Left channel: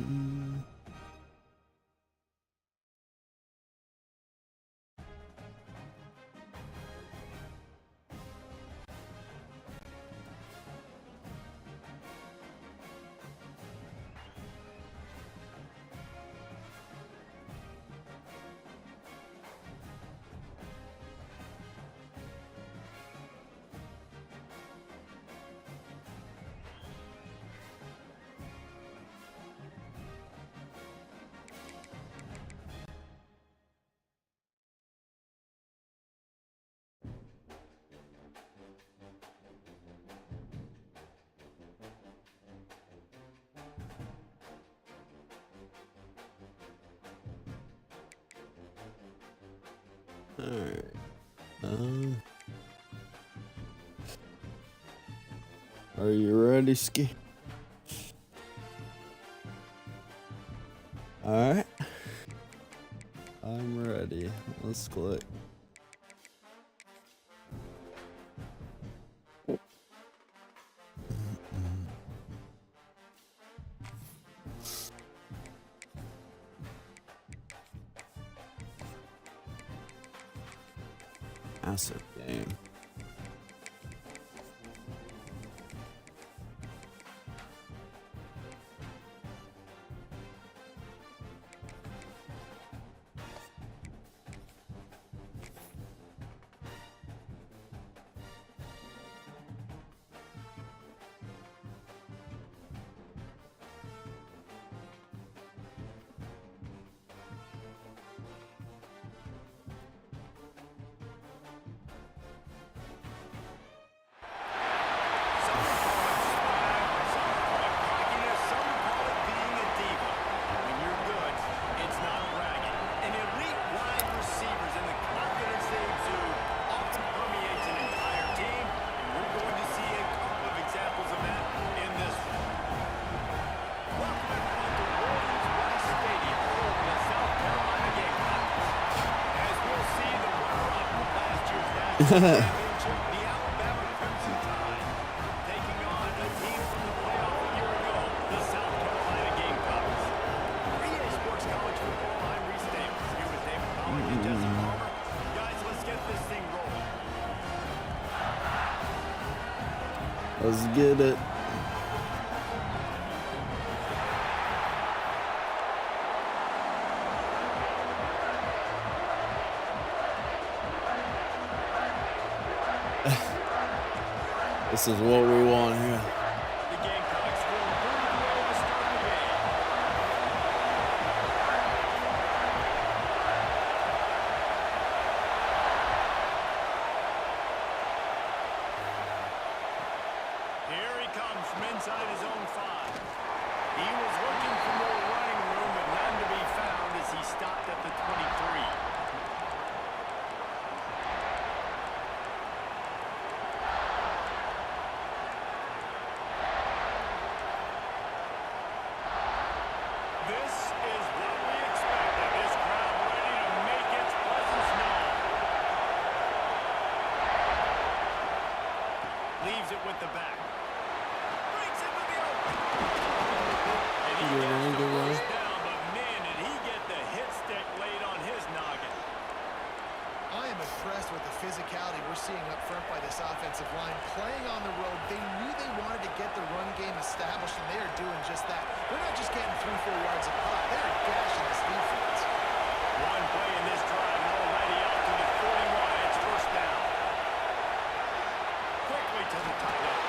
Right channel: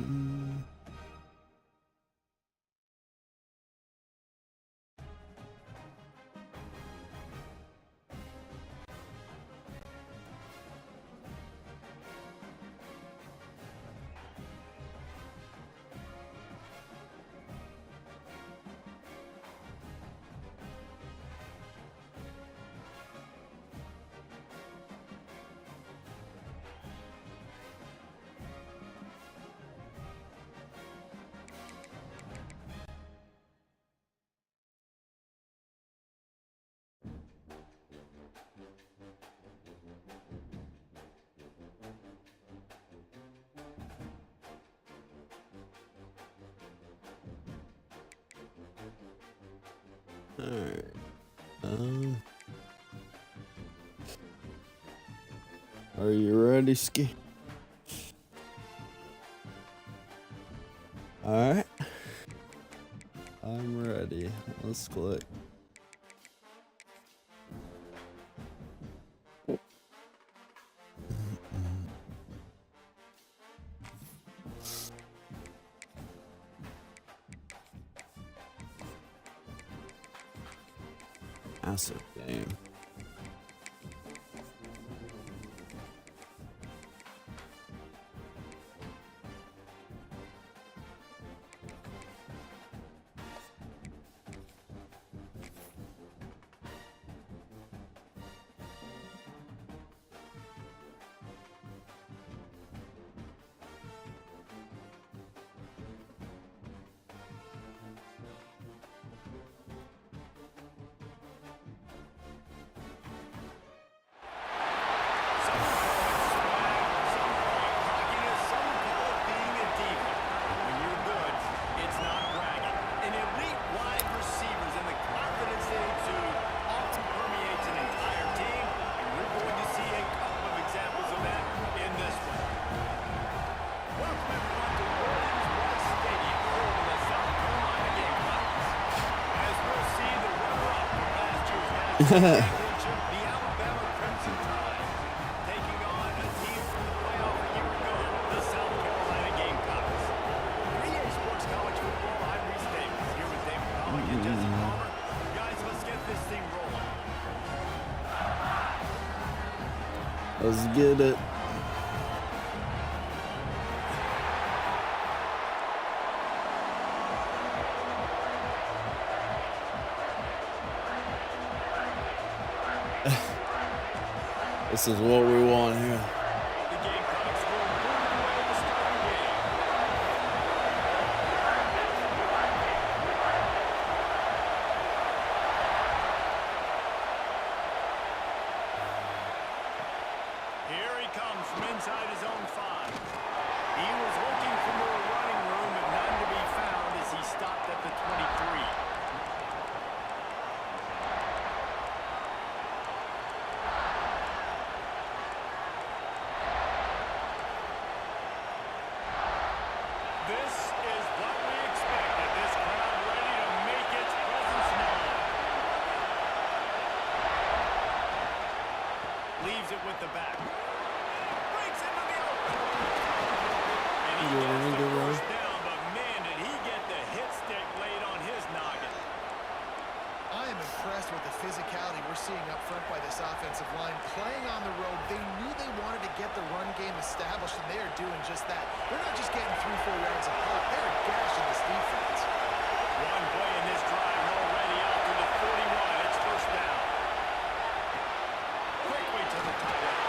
Mm. All right. Are you ready, Ski? All right. I'm ready. Let's click. Massive game. The Alabama Crimson Tide taking on a team from the playoff a year ago, the South Carolina Gamecocks. 3A Sports College Football, I'm Reese Davis, here with David Pollock and Jesse Palmer. Guys, let's get this thing rolling. Let's get it. This is what we want here. The Gamecocks will move away to start the game. Here he comes from inside his own 5. He was looking for more running room, but none to be found as he stopped at the 23. This is what we expected. This crowd ready to make its presence known. Leaves it with the back. Breaks into the open. And he gets the first down, but man, did he get the hit stick laid on his noggin. I am impressed with the physicality we're seeing up front by this offensive line. Playing on the road, they knew they wanted to get the run game established, and they are doing just that. They're not just getting 3-4 yards a pop. They're gashing this defense. One play in this drive, and already out to the 41. It's first down. Quickly to the tight end.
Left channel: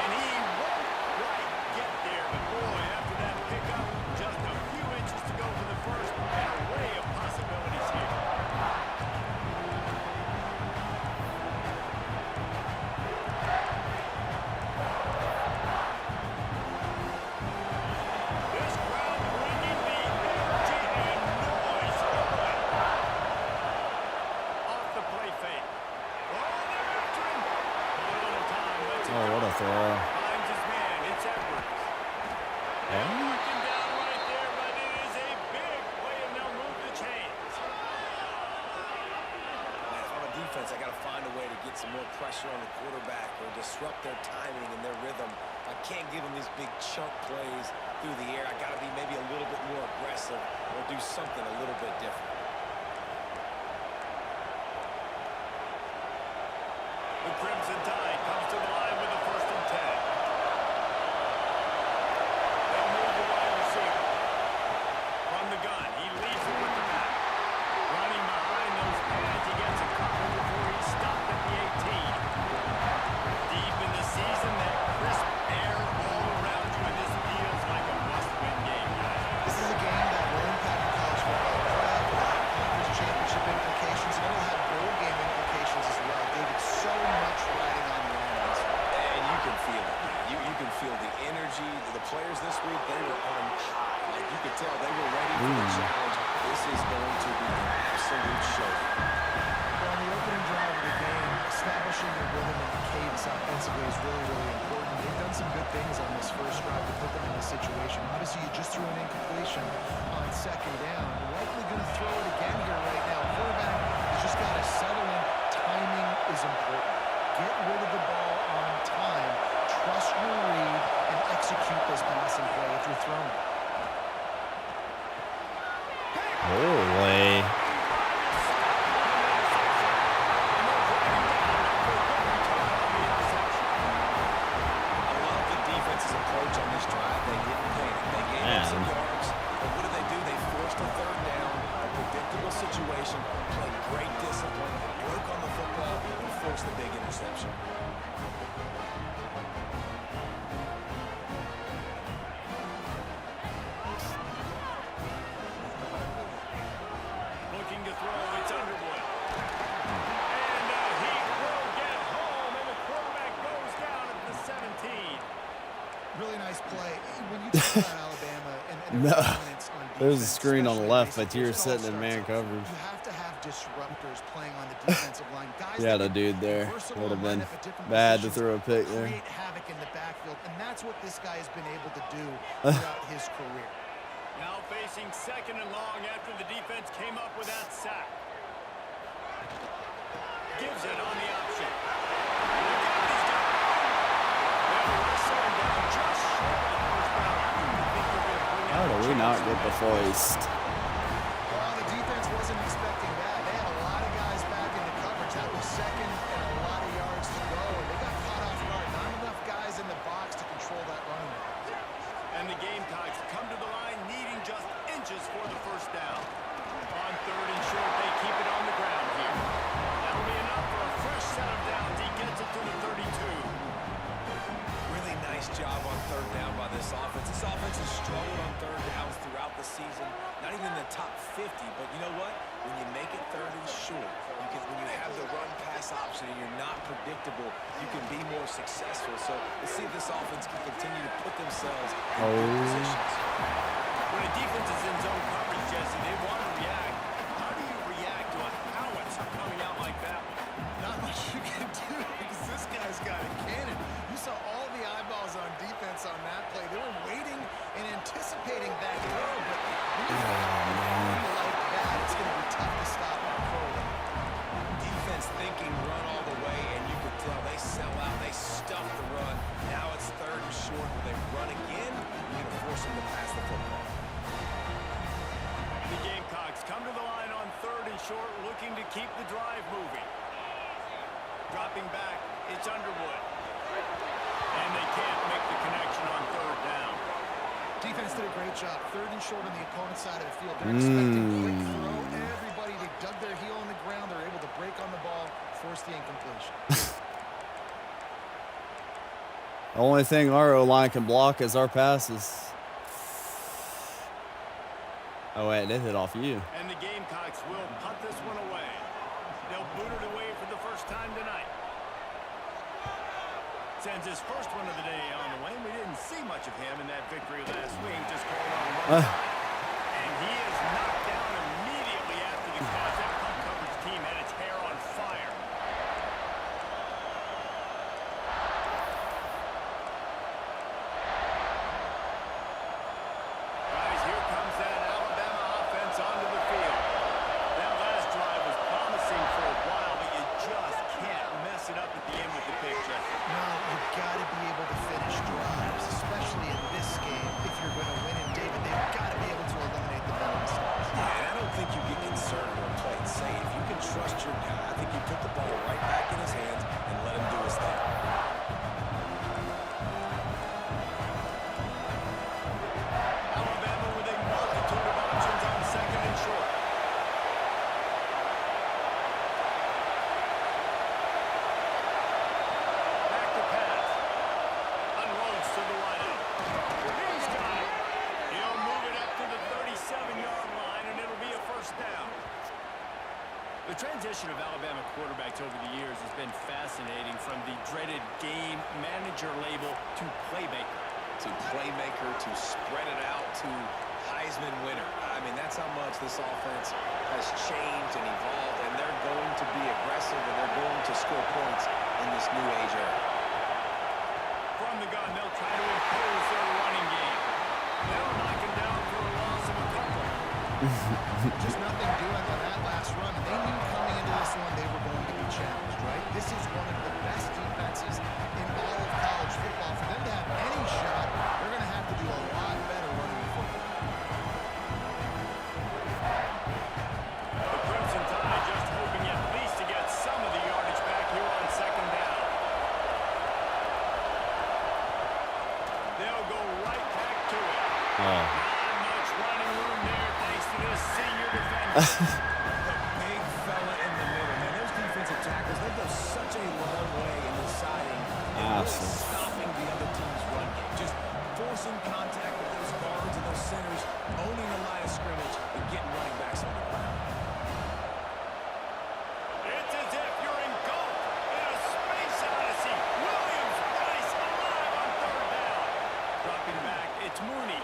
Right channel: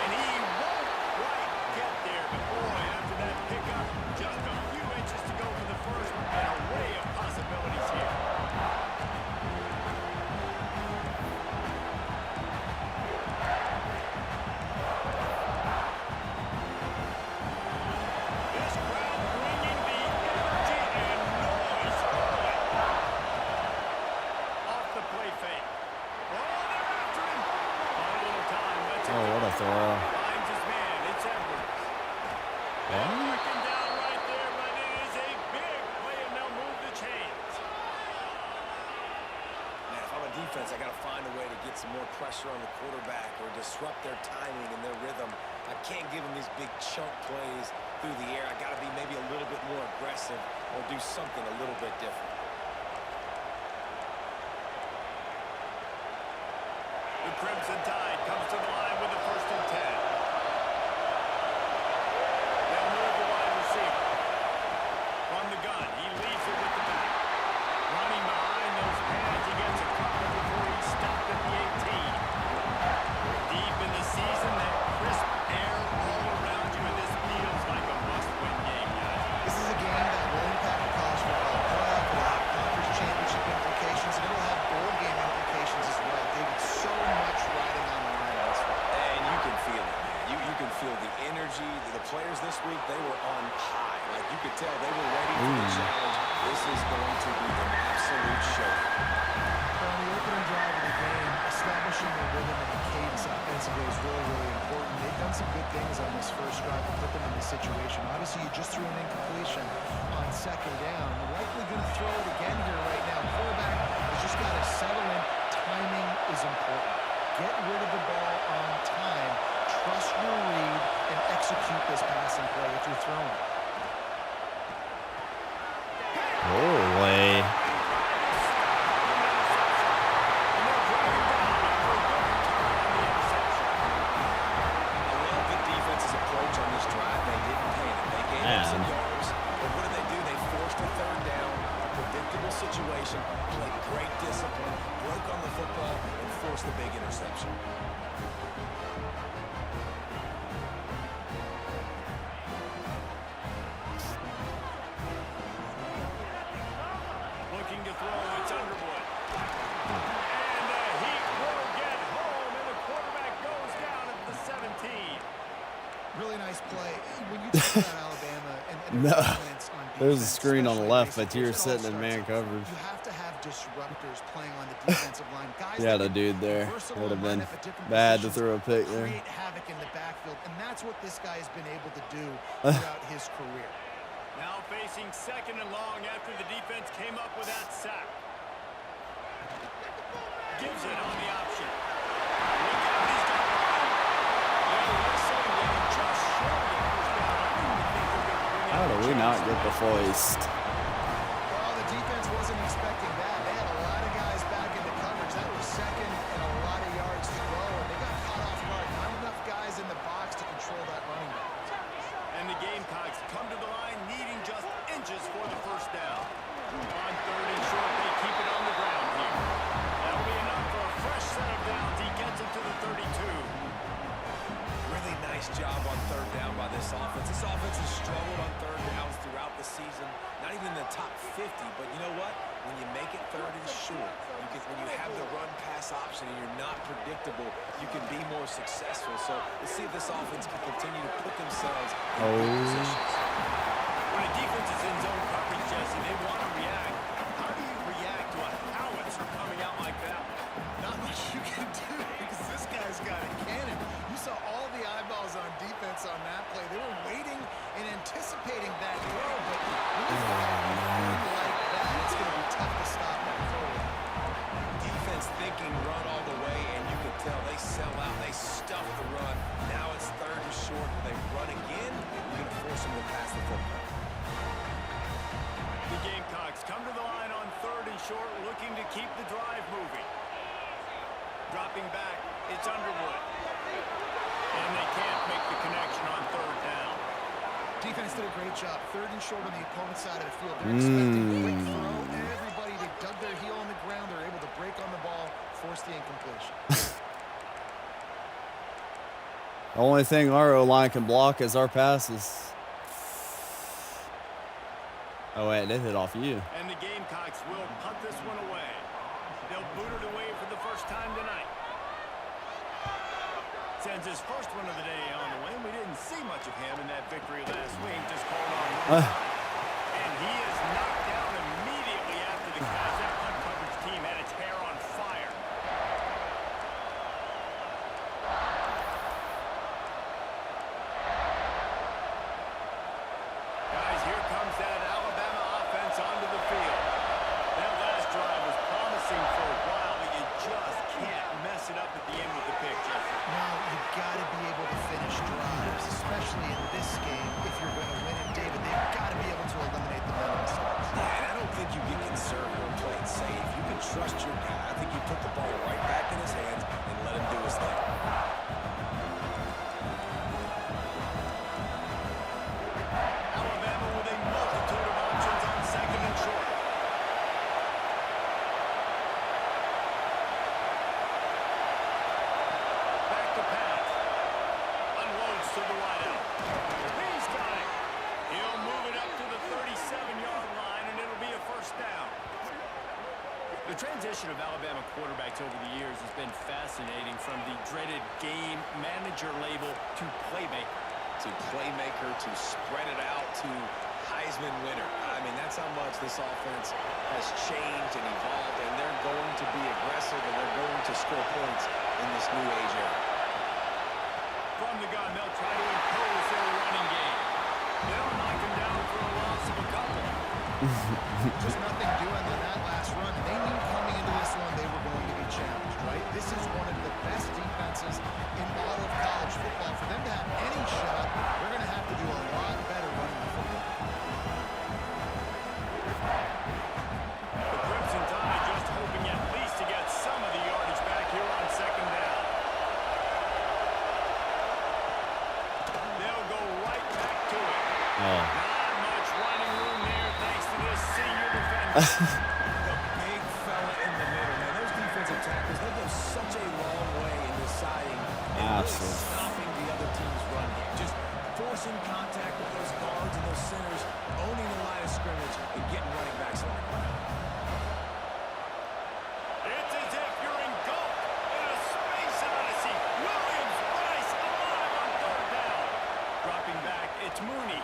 And he won't quite get there, but boy, after that pickup, just a few inches to go for the first, and an array of possibilities here. Oh, what a throw. Finds his man. It's Edwards. They'll mark him down right there, but it is a big play, and they'll move the chains. Man, if I'm a defense, I got to find a way to get some more pressure on the quarterback or disrupt their timing and their rhythm. I can't give them these big chunk plays through the air. I got to be maybe a little bit more aggressive or do something a little bit different. The Crimson Tide comes to the line with a 1st and 10. They'll move the wide receiver. From the gun, he leaves it with the back. Running behind those pads, he gets a couple before he's stopped at the 18. Deep in the season, that crisp air all around you, and this feels like a must-win game, guys. This is a game that will impact the college football playoff. It'll have conference championship implications, and it'll have bowl game implications as well. David, so much riding on the line in this one. And you can feel it, man. You can feel the energy. The players this week, they were on high. Like, you could tell they were ready for the challenge. This is going to be an absolute show. Well, on the opening drive of the game, establishing the rhythm and the cadence offensively is really, really important. They've done some good things on this first drive to put them in this situation. Obviously, you just threw an incompletion on 2nd down. Likely going to throw it again here right now. Quarterback has just got to settle in. Timing is important. Get rid of the ball on time. Trust your read and execute this passing play if you're throwing. Holy. Defense's approach on this drive, they didn't panic. They gave up some yards, but what did they do? They forced a 3rd down, a predictable situation, played great discipline, broke on the football, and forced the big interception. Looking to throw, it's Underwood. And he will get home, and the quarterback goes down at the 17. Really nice play. When you talk about Alabama and their dominance on defense, There's a screen on the left, but you're it all sitting in man starts off. coverage. You have to have disruptors playing on the defensive line. Guys Yeah, that the dude can there versatile would have and line been up at different bad to positions, throw a pick there. create havoc in the backfield, and that's what this guy has been able to do throughout his career. Now facing 2nd and long after the defense came up with that sack. Gives it on the option. Look out, he's got room. They'll wrestle him down just short of the 1st down. I don't even think they're going to bring out How do we not get the foist? Well, the defense wasn't expecting that. They had a lot of guys back into coverage. That was 2nd and a lot of yards to go, and they got caught off guard. Not enough guys in the box to control that running back. And the Gamecocks come to the line needing just inches for the 1st down. On 3rd and short, they keep it on the ground here. That'll be enough for a fresh set of downs. He gets it to the 32. Really nice job on 3rd down by this offense. This offense has struggled on 3rd downs throughout the season. Not even in the top 50, but you know what? When you make it 3rd and short, when you have the run-pass option and you're not predictable, you can be more successful. So let's see if this offense can continue to put themselves in good positions. When a defense is in zone coverage, Jesse, they want to react. How do you react to a howitzer coming out like that one? Not much you can do because this guy's got a cannon. You saw all the eyeballs on defense on that play. They were waiting and anticipating that throw, but when you got a run like that, it's going to be tough to stop that forward. Defense thinking run all the way, and you could tell they sell out. They stuff the run. Now it's 3rd and short. Will they run again? You're going to force them to pass the football. The Gamecocks come to the line on 3rd and short, looking to keep the drive moving. Dropping back, it's Underwood. And they can't make the connection on 3rd down. Defense did a great job. 3rd and short on the opponent's side of the field. They're expecting quick throw. Everybody, they dug their heel on the ground. They're able to break on the ball, force the incompletion. The only thing our O-line can block is our passes. Oh, wait, they hit off you. And the Gamecocks will punt this one away. They'll boot it away for the first time tonight. Sends his first one of the day on the way. We didn't see much of him in that victory last week. Just called on one time. And he is knocked down immediately after the catch. That punt coverage team had its hair on fire. Guys, here comes that Alabama offense onto the field. That last drive was promising for a while, but you just can't mess it up at the end with the pick, Jesse. No, you've got to be able to finish drives, especially in this game, if you're going to trust your guy. I think you put the ball right back in his hands and let him do his thing. Alabama with a multitude of options on second and short. Back to pass. Unloads to the wideout. He's got it. He'll move it up to the 37-yard line, and it'll be a first down. The transition of Alabama quarterbacks over the years has been fascinating, from the dreaded game manager label to playmaker. To playmaker, to spread it out, to Heisman winner. I mean, that's how much this offense has changed and evolved, and they're going to be aggressive, and they're going to score points in this new age era. From the gun, they'll try to impose their running game. They'll knock him down for a loss of a couple. Just nothing doing on that last run, and they knew coming into this one they were going to be challenged, right? This is one of the best defenses in all of college football. For them to have any shot, they're going to have to do a lot better running the football. The Crimson Tide just hoping at least to get some of the yardage back here on second down. They'll go right back to it. Oh. Not much running room there thanks to this senior defender. The big fella in the middle, man. Those defensive tackles, they go such a long way in deciding and really stopping the other team's run game. Just forcing contact with those guards and those centers, owning the line of scrimmage, and getting running backs on the ground. It's as if you're engulfed in a space odyssey. Williams Bryce alive on third down. Dropping back, it's Mooney.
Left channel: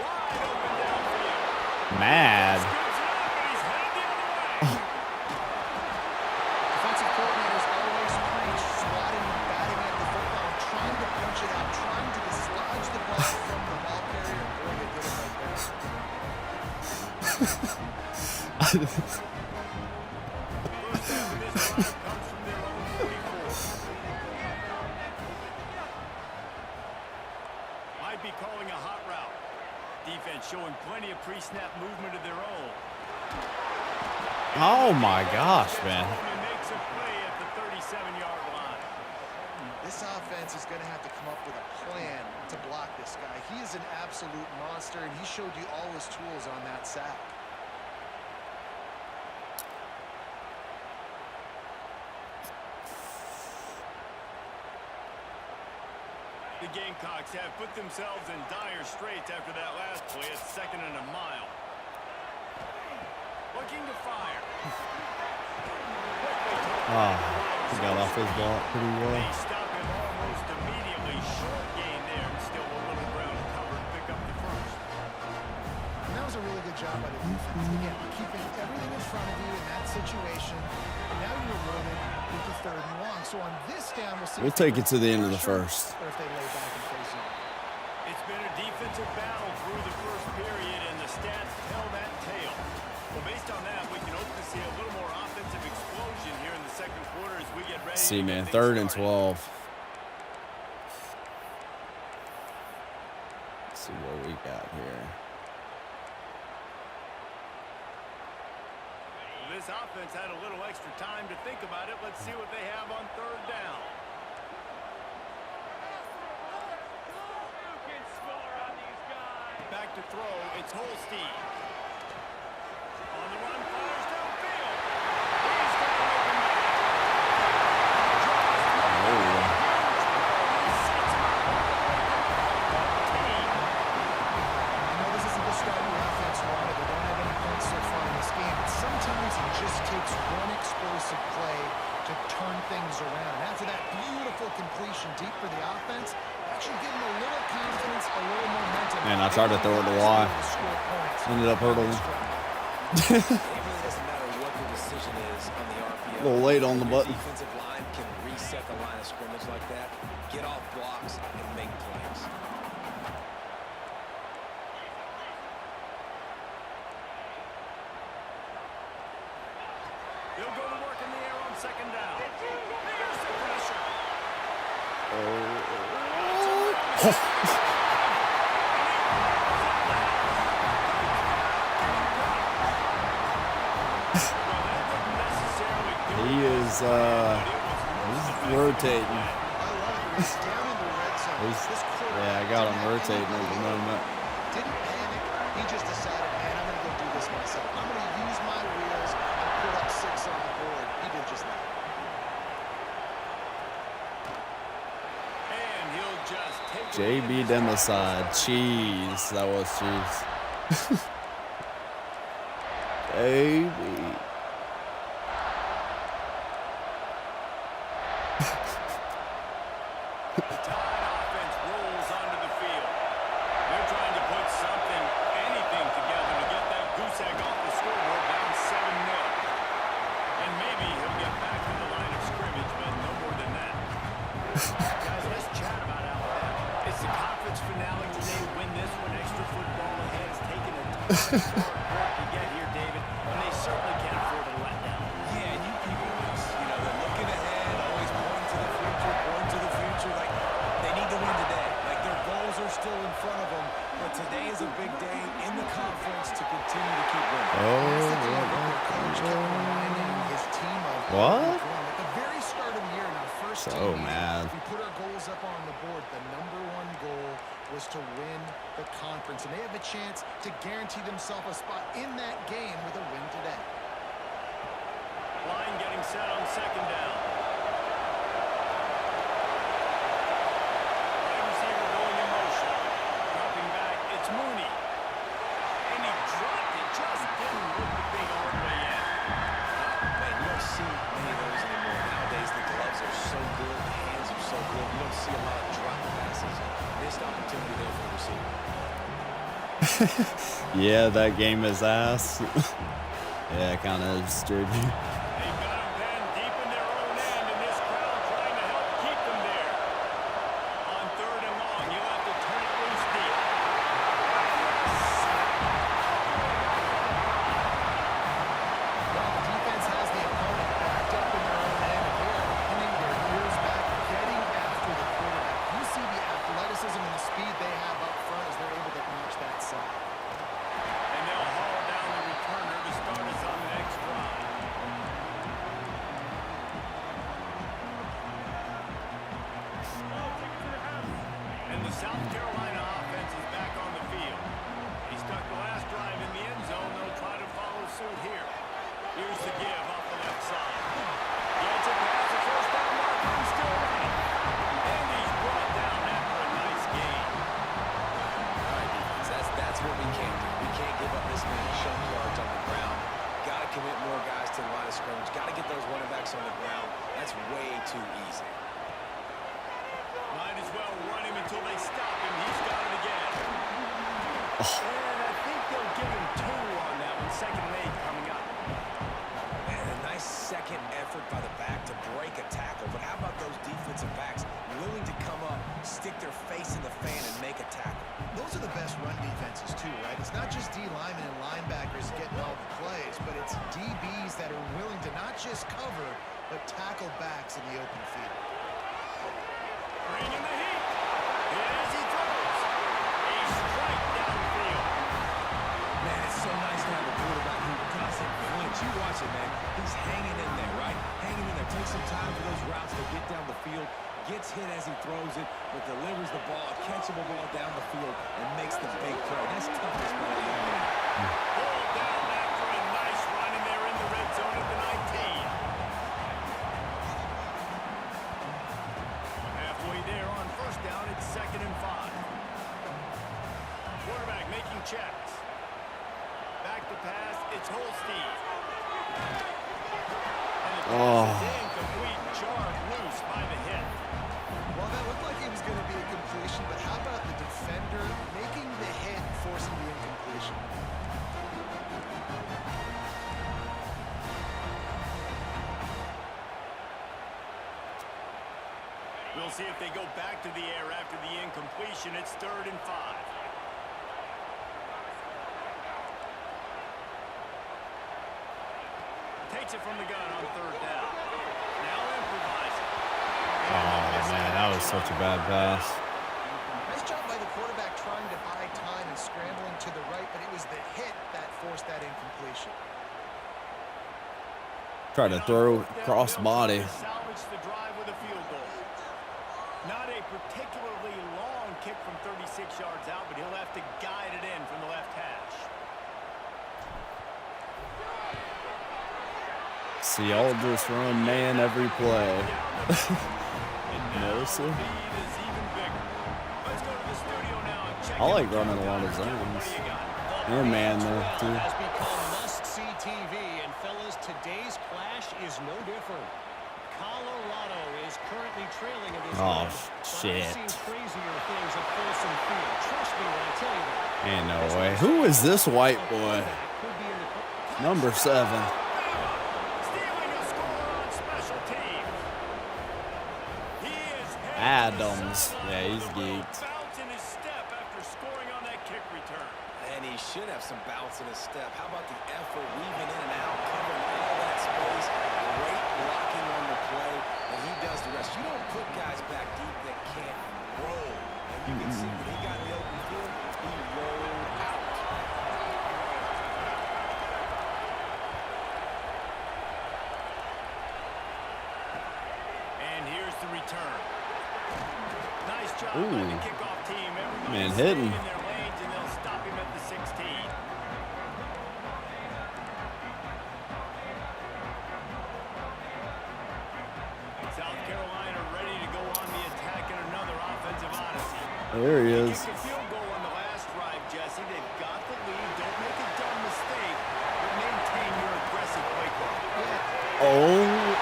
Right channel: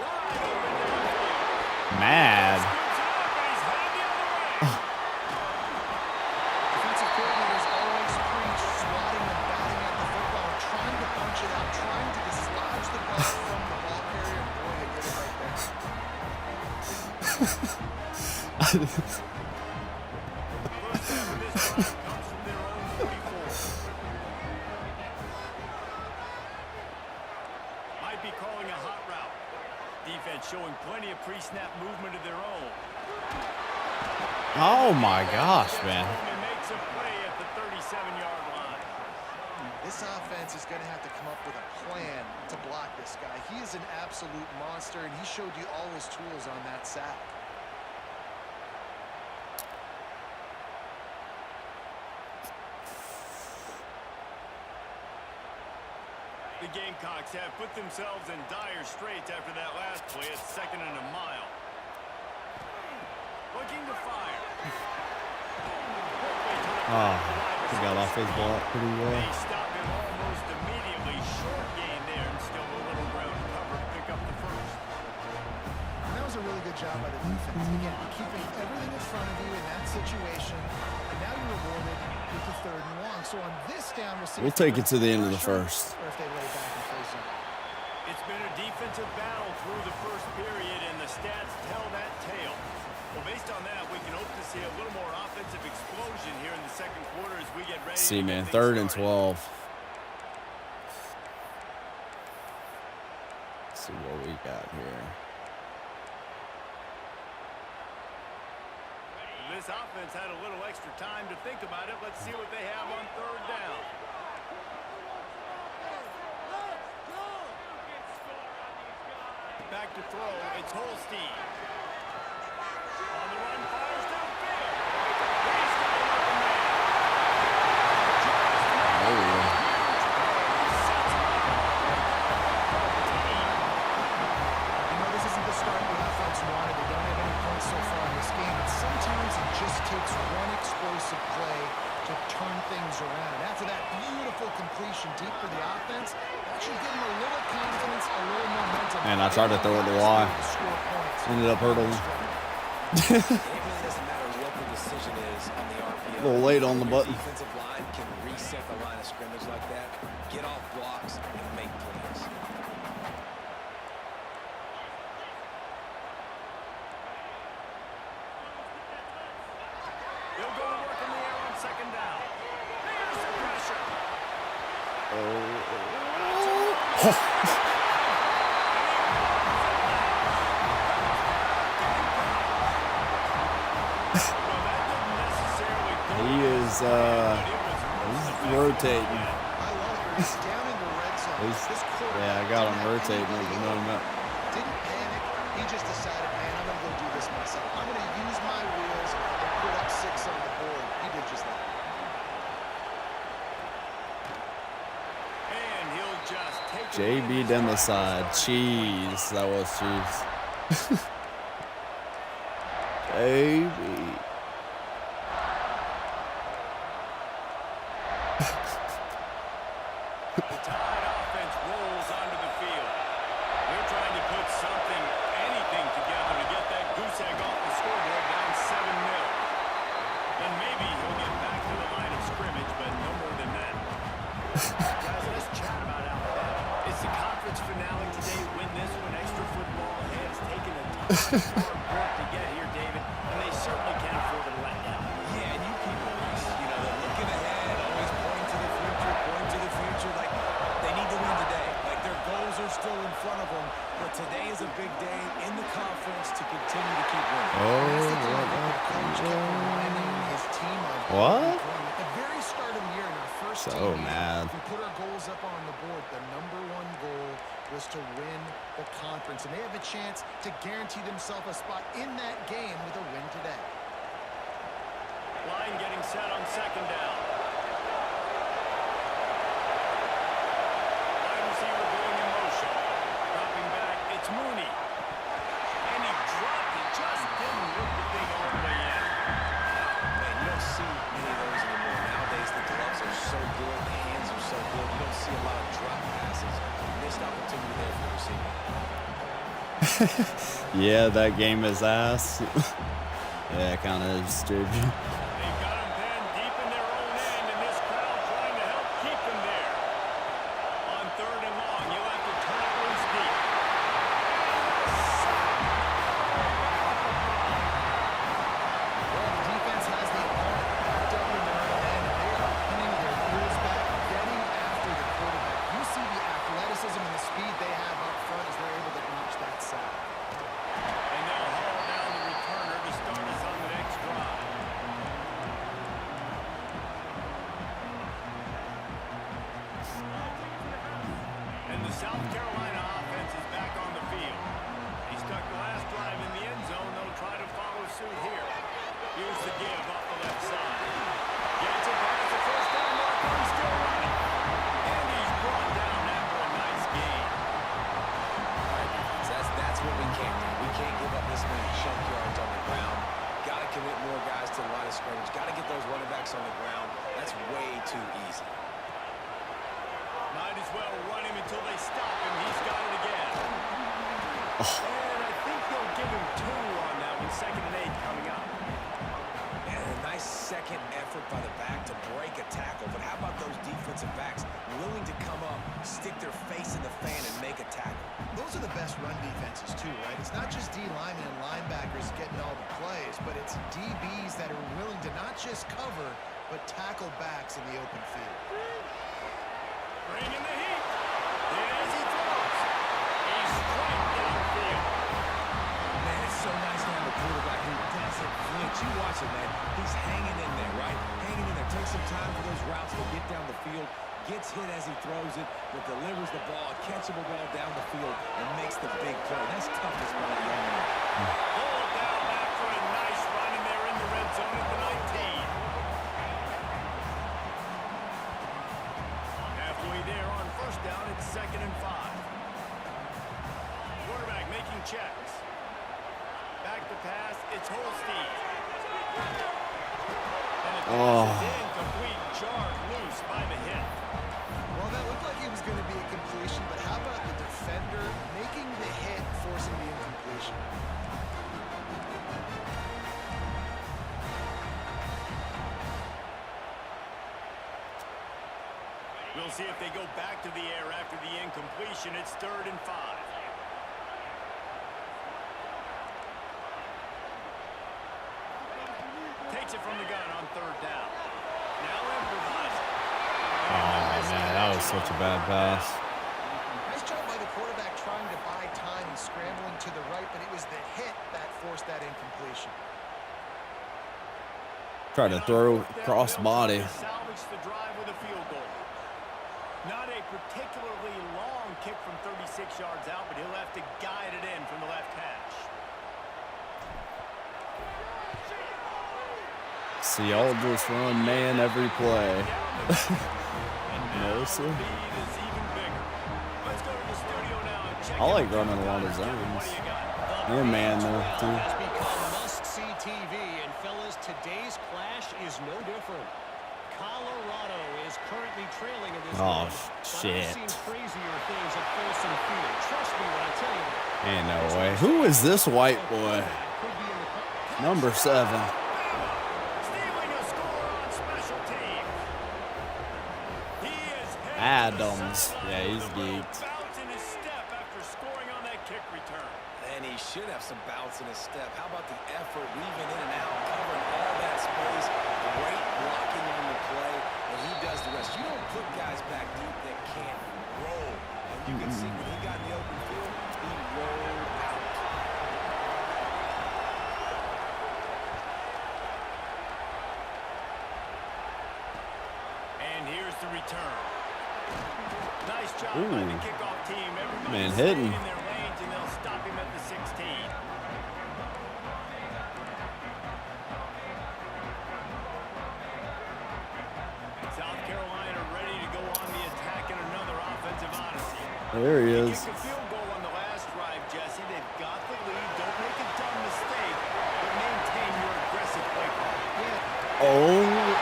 Wide open downfield. Mad. Scoops it up, and he's headed the other way. Defensive coordinators always preach swatting and batting at the football, trying to punch it out, trying to dislodge the ball from the ball carrier, and boy, they did it right there. First down of this drive comes from their own 44. Might be calling a hot route. Defense showing plenty of pre-snap movement of their own. Oh my gosh, man. And makes a play at the 37-yard line. This offense is going to have to come up with a plan to block this guy. He is an absolute monster, and he showed you all his tools on that sack. The Gamecocks have put themselves in dire straits after that last play. It's second and a mile. Looking to fire. He got off his block pretty well. They stop him almost immediately. Short gain there, and still a little ground cover to pick up the first. And that was a really good job by the defense. Again, keeping everything in front of you in that situation, and now you're rewarded with the third and long. So on this down, we'll see. We'll take it to the end of the first. Or if they lay back and play zone. It's been a defensive battle through the first period, and the stats tell that tale. Well, based on that, we can hope to see a little more offensive explosion here in the second quarter as we get ready. See, man, third and 12. Let's see what we got here. This offense had a little extra time to think about it. Let's see what they have on third down. Back to throw, it's Holstein. On the run, fires downfield. He's got an open man. He sets him up all the way down to 14. I know this isn't the start the offense wanted. They don't have any points so far in this game, but sometimes it just takes one explosive play to turn things around. And after that beautiful completion deep for the offense, that should give them a little confidence, a little momentum. Man, I tried to throw it to Y. Ended up hurdling. It really doesn't matter what the decision is on the RPO. A little late on the Your button. defensive line can reset the line of scrimmage like that, get off blocks, and make plays. He'll go to work in the air on second down. Here's the pressure. Well, that he's rotating. I love it. He's down in the red zone. This Yeah, I got him rotating at the moment. Didn't panic. He just decided, man, I'm going to go do this myself. I'm going to use my wheels and put up 6 on the board. He did just that. And he'll just take JB down the side. Cheese. That was cheese. JB. The Tide offense rolls onto the field. They're trying to put something, anything together to get that goose egg off the scoreboard down 7-0. And maybe he'll get back to the line of scrimmage, but no more than that. Guys, let's chat about Alabama. It's the conference finale today. Win this one. Extra football ahead. It's taken a ton of hard work to get here, David, and they certainly can't afford to let down. Yeah, and you people, Reese, you know, they're looking ahead, always pointing to the future, like they need to win today. Like their goals are still in front of them, but today is a big day in the conference to continue to keep winning. That's the thing that their coach kept reminding his team of. What? At the very start of the year in our first So team meeting, mad. we put our goals up on the board. The #1 goal was to win the conference, and they have a chance to guarantee themselves a spot in that game with a win today. Line getting set on 2nd down. Wide receiver going in motion. Dropping back, it's Mooney. And he dropped it, just didn't look the thing all the way in. Man, you don't see many of those anymore. Nowadays, the gloves are so good, the hands are so good. You don't see a lot of drop passes. Missed opportunity there for the receiver. Yeah, that game is ass. Yeah, it kind of is, JB. They've got them pinned deep in their own end, and this crowd trying to help keep them there. On 3rd and long, you'll have to turn it loose deep. And the sack all the way back at the 5. Well, the defense has the opponent backed up in their own end, and they are pinning their ears back, getting after the quarterback. You see the athleticism and the speed they have up front as they're able to notch that sack. And they'll haul down the returner to start us on the next drive. And the South Carolina offense is back on the field. He stuck the last drive in the end zone. They'll try to follow suit here. Here's the give off the left side. Gets it past the 1st down marker and still running. And he's brought down after a nice gain. All right, defense, that's what we can't do. We can't give up this many chunk yards on the ground. Got to commit more guys to the line of scrimmage. Got to get those running backs on the ground. That's way too easy. Might as well run him until they stop him. He's got it again. And I think they'll give him 2 on that one. 2nd and 8 coming up. And a nice second effort by the back to break a tackle. But how about those defensive backs willing to come up, stick their face in the fan, and make a tackle? Those are the best run defenses too, right? It's not just D linemen and linebackers getting all the plays, but it's DBs that are willing to not just cover, but tackle backs in the open field. Bringing the heat. Hit as he throws. A strike downfield. Man, it's so nice to have a quarterback who doesn't flinch. You watch it, man. He's hanging in there, right? Hanging in there. Takes some time for those routes to get down the field. Gets hit as he throws it, but delivers the ball, a catchable ball down the field, and makes the big play. That's toughness by that young man. Pulled down after a nice run, and they're in the red zone at the 19. Halfway there on 1st down, it's 2nd and 5. Quarterback making checks. Back to pass, it's Holstein. And the pass is incomplete, jarred loose by the hit. Well, that looked like it was going to be a completion, but how about the defender making the hit, forcing the incompletion? We'll see if they go back to the air after the incompletion. It's 3rd and 5. Takes it from the gun on 3rd down. Now improvising. Oh, man, that was such a bad pass. Nice job by the quarterback trying to buy time and scrambling to the right, but it was the hit that forced that incompletion. Try to throw cross body. Salvage the drive with a field goal. Not a particularly long kick from 36 yards out, but he'll have to guide it in from the left hash. See, y'all just run man every play. No, sir. I like running a lot of zones. And man, though, too. Has become must-see TV, and fellas, today's clash is no different. Colorado is currently trailing in this Oh, one, shit. But I've seen crazier things at Folsom Field. Trust me when I tell you that. Ain't no way. Who is this white boy? Number 7. Stealing a score on special teams. He is Adams. Yeah, he's geeked. bounce in his step after scoring on that kick return. And he should have some bounce in his step. How about the effort, weaving in and out, covering all that space, great blocking on the play, and he does the rest. You don't put guys back deep that can't roll. And you can see when he got in the open field, he rolled out. And here's the return. Nice job by the kickoff team. Everybody Man, staying hitting. in their lanes, and they'll stop him at the 16. And South Carolina ready to go on the attack in another offensive odyssey. There he They is. kicked a field goal on the last drive, Jesse. They've got the lead. Don't make a dumb mistake, but maintain your aggressive play call. Oh,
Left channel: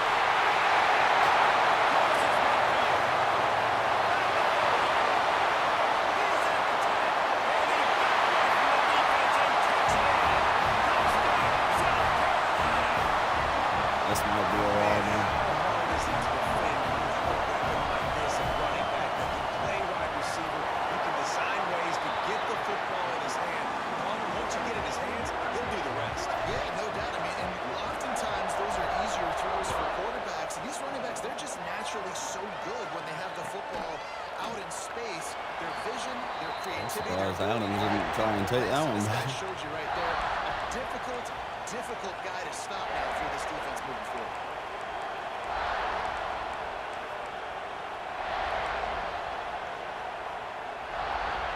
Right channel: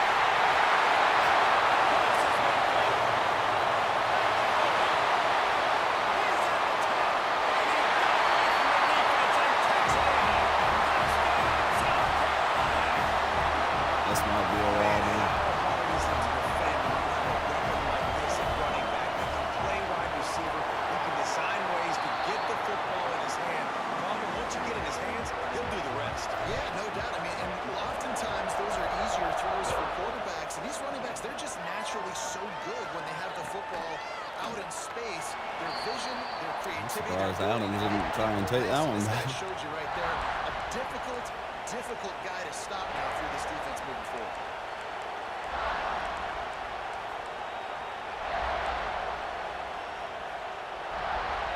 He's at the 10, and he got away from the defense and takes it in. Touchdown, South Carolina. this might be a while now. How hard is it to defend when you have a weapon like this at running back that can play wide receiver? He can design ways to get the football in his hand. Problem, once you get in his hands, he'll do the rest. Yeah, no doubt. I mean, and oftentimes those are easier throws for quarterbacks. And these running backs, they're just naturally so good when they have the football out in space. Their vision, their creativity. surprised their Adams ability didn't to try and take that one This guy back. showed you right there. A difficult guy to stop now through this defense moving forward.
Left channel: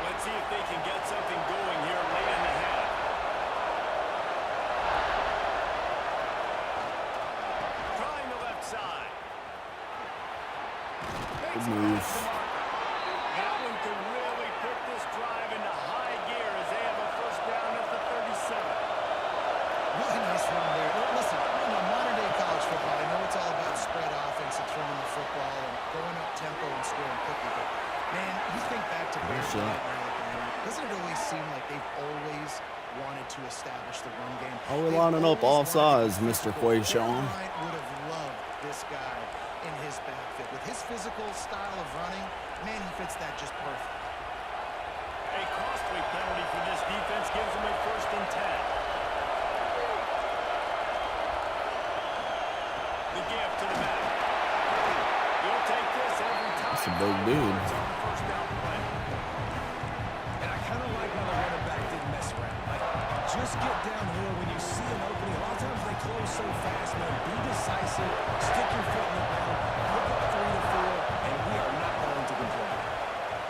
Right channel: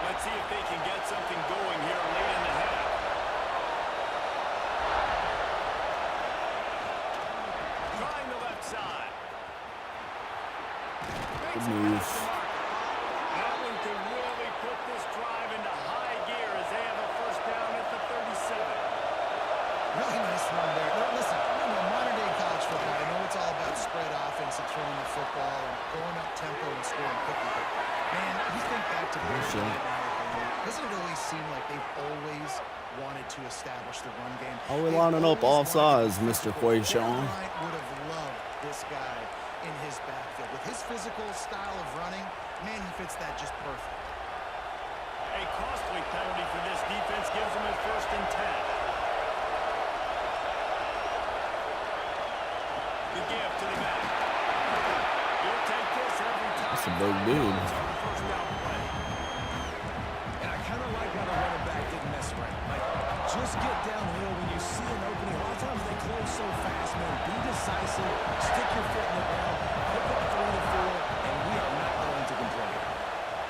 Let's see if they can get something going here late in the half. Trying the left side. Makes it move. past the marker. That one could really put this drive into high gear as they have a first down at the 37. Really nice run there. No, listen, modern day college football, I know it's all about spread offense and throwing the football and going up tempo and scoring quickly, but man, you think back to Bear Sure. Bryant and Alabama, doesn't it always seem like they've always wanted to establish the run game? Oh, we're They've lining up always all wanted to sides, be Mr. physical. Bear Quayshawn. Bryant would have loved this guy in his backfield. With his physical style of running, man, he fits that just perfect. A costly penalty for this defense gives them a 1st and 10. The give to the back. You'll take this every time. That's a big 5 dude. yards on the first down play. And I kind of like how the running back didn't mess around. Like, just get downhill when you see an opening. A lot of times they close so fast, man. Be decisive, stick your foot in the ground, pick up 3 to 4, and we are not going to complain.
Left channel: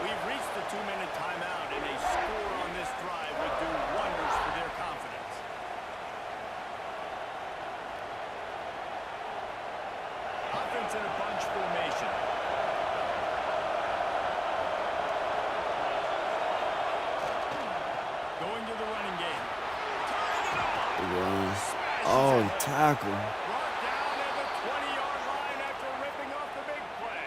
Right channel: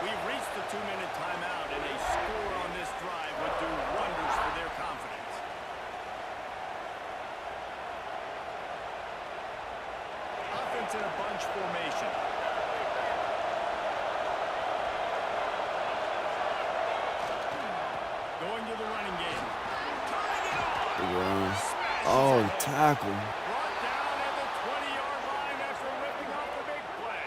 We've reached the 2-minute timeout, and a score on this drive would do wonders for their confidence. Offense in a bunch formation. Going to the running game. Tying it on. Big run. Smashes Oh, it. tackle. Brought down at the 20-yard line after ripping off the big play.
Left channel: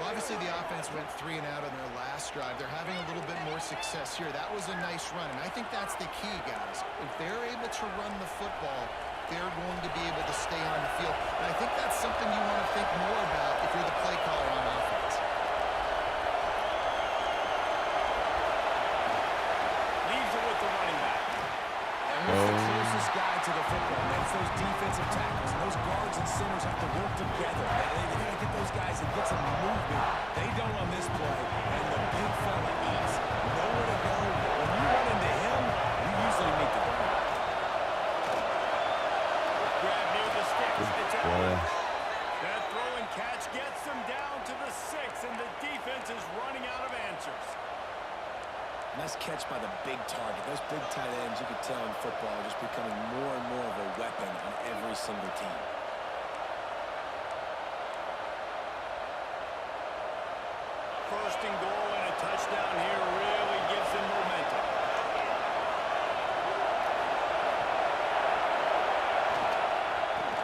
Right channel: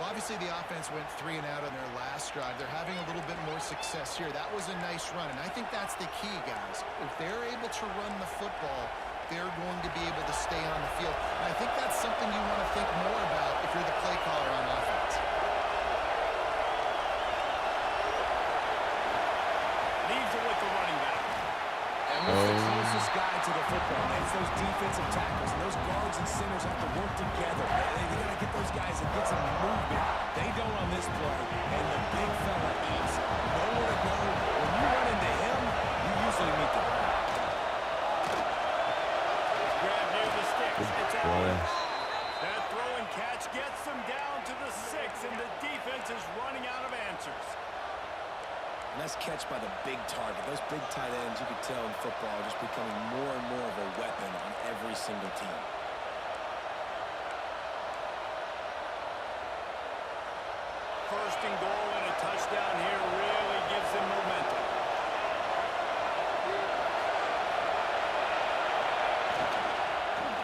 Well, obviously the offense went 3 and out on their last drive. They're having a little bit more success here. That was a nice run, and I think that's the key, guys. If they're able to run the football, they're going to be able to stay on the field. And I think that's something you want to think more about if you're the play caller on offense. Leaves it with the running back. And what's the closest guy to the football, man? It's those defensive tackles, and those guards and centers have to work together. They got to get those guys and get some movement. They don't on this play, and the big fella eats. Nowhere to go. When you run into him, you usually meet the ground. Grab near the play. That throw and catch gets them down to the 6, and the defense is running out of answers. Nice catch by the big target. Those big tight ends, you could tell in football, are just becoming more and more of a weapon on every single team. First and goal and a touchdown here really gives them momentum.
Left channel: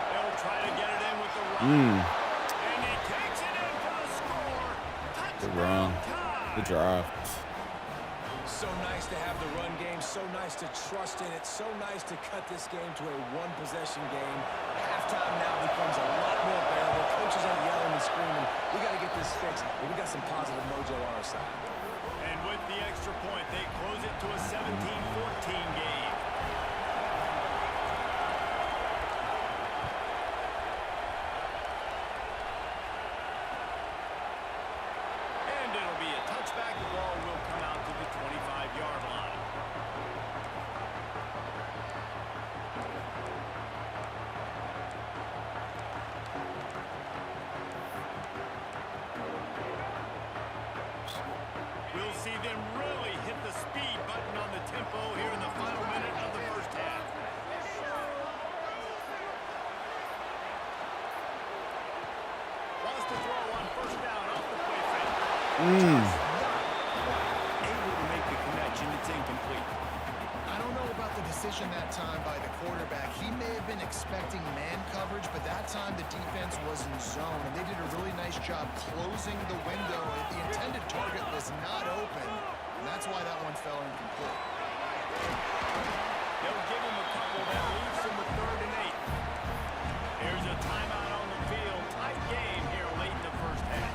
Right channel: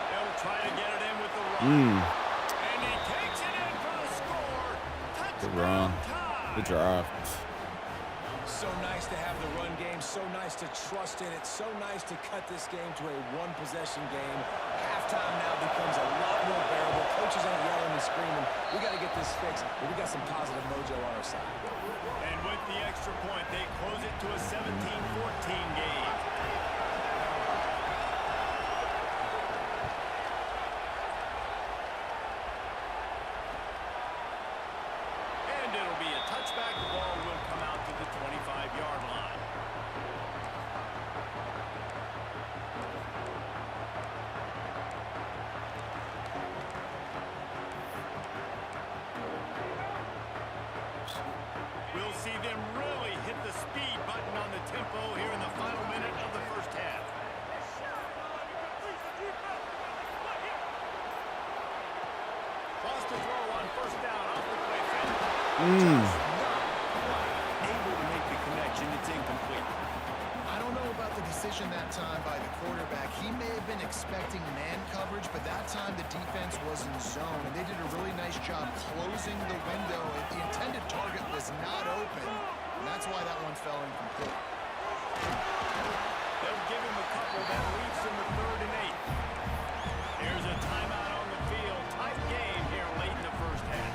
They'll try to get it in with the run. And he takes it in for the score. Good run. Touchdown Good tie. drive. So nice to have the run game, so nice to trust in it, so nice to cut this game to a one-possession game. Halftime now becomes a lot more bearable. Coaches ain't yelling and screaming. We got to get this fixed, but we got some positive mojo on our side. And with the extra point, they close it to a 17-14 game. And it'll be a touchback. The ball will come out to the 25-yard line. We'll see them really hit the speed button on the tempo here in the final minute of the first half. Wants to throw on first down off the play fake. Just not quite able to make the connection. It's incomplete. I don't know about the decision that time by the quarterback. He may have been expecting man coverage, but that time the defense was in zone, and they did a really nice job closing the window. The intended target was not open, and that's why that one fell incomplete. They'll give him a couple that leaves him with 3rd and 8. Here's a timeout on the field. Tight game here late in the first half.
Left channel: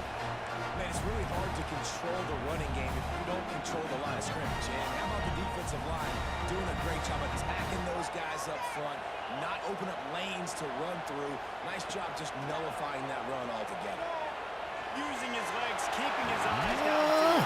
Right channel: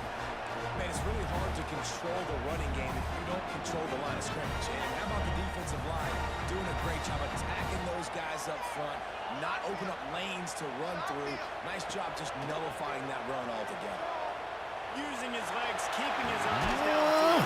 Man, it's really hard to control the running game if you don't control the line of scrimmage. And how about the defensive line doing a great job attacking those guys up front, not open up lanes to run through. Nice job just nullifying that run altogether. Using his legs, keeping his eyes downfield.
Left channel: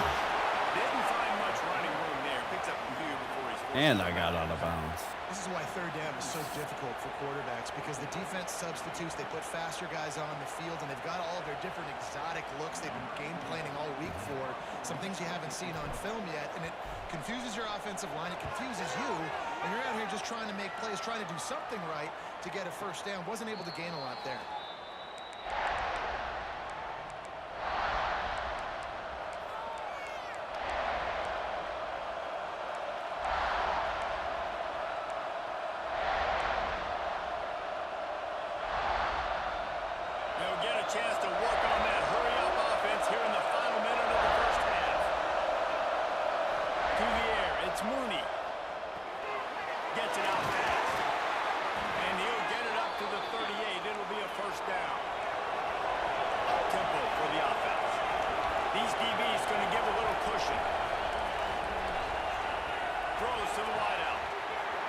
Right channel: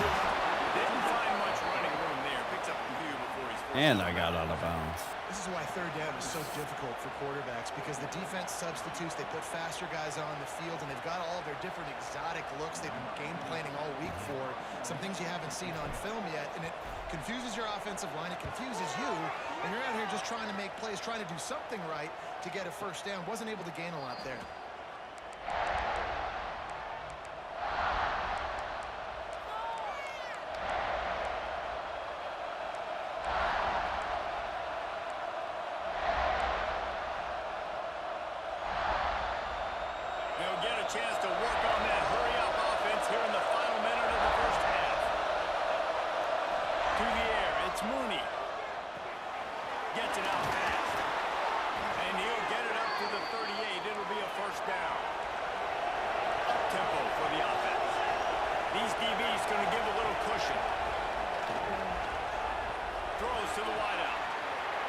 Didn't find much running room there. Picks up a few before he's forced. And I got out of bounds. This is why 3rd down is so difficult for quarterbacks, because the defense substitutes. They put faster guys on the field, and they've got all of their different exotic looks they've been game planning all week for. Some things you haven't seen on film yet, and it confuses your offensive line. It confuses you, and you're out here just trying to make plays, trying to do something right to get a first down. Wasn't able to gain a lot there. They'll get a chance to work on that hurry-up offense here in the final minute of the first half. To the air, it's Mooney. Gets it out fast. And he'll get it up to the 38. It'll be a first down. Up-tempo for the offense. These DBs going to give a little cushion. Throws to the wideout.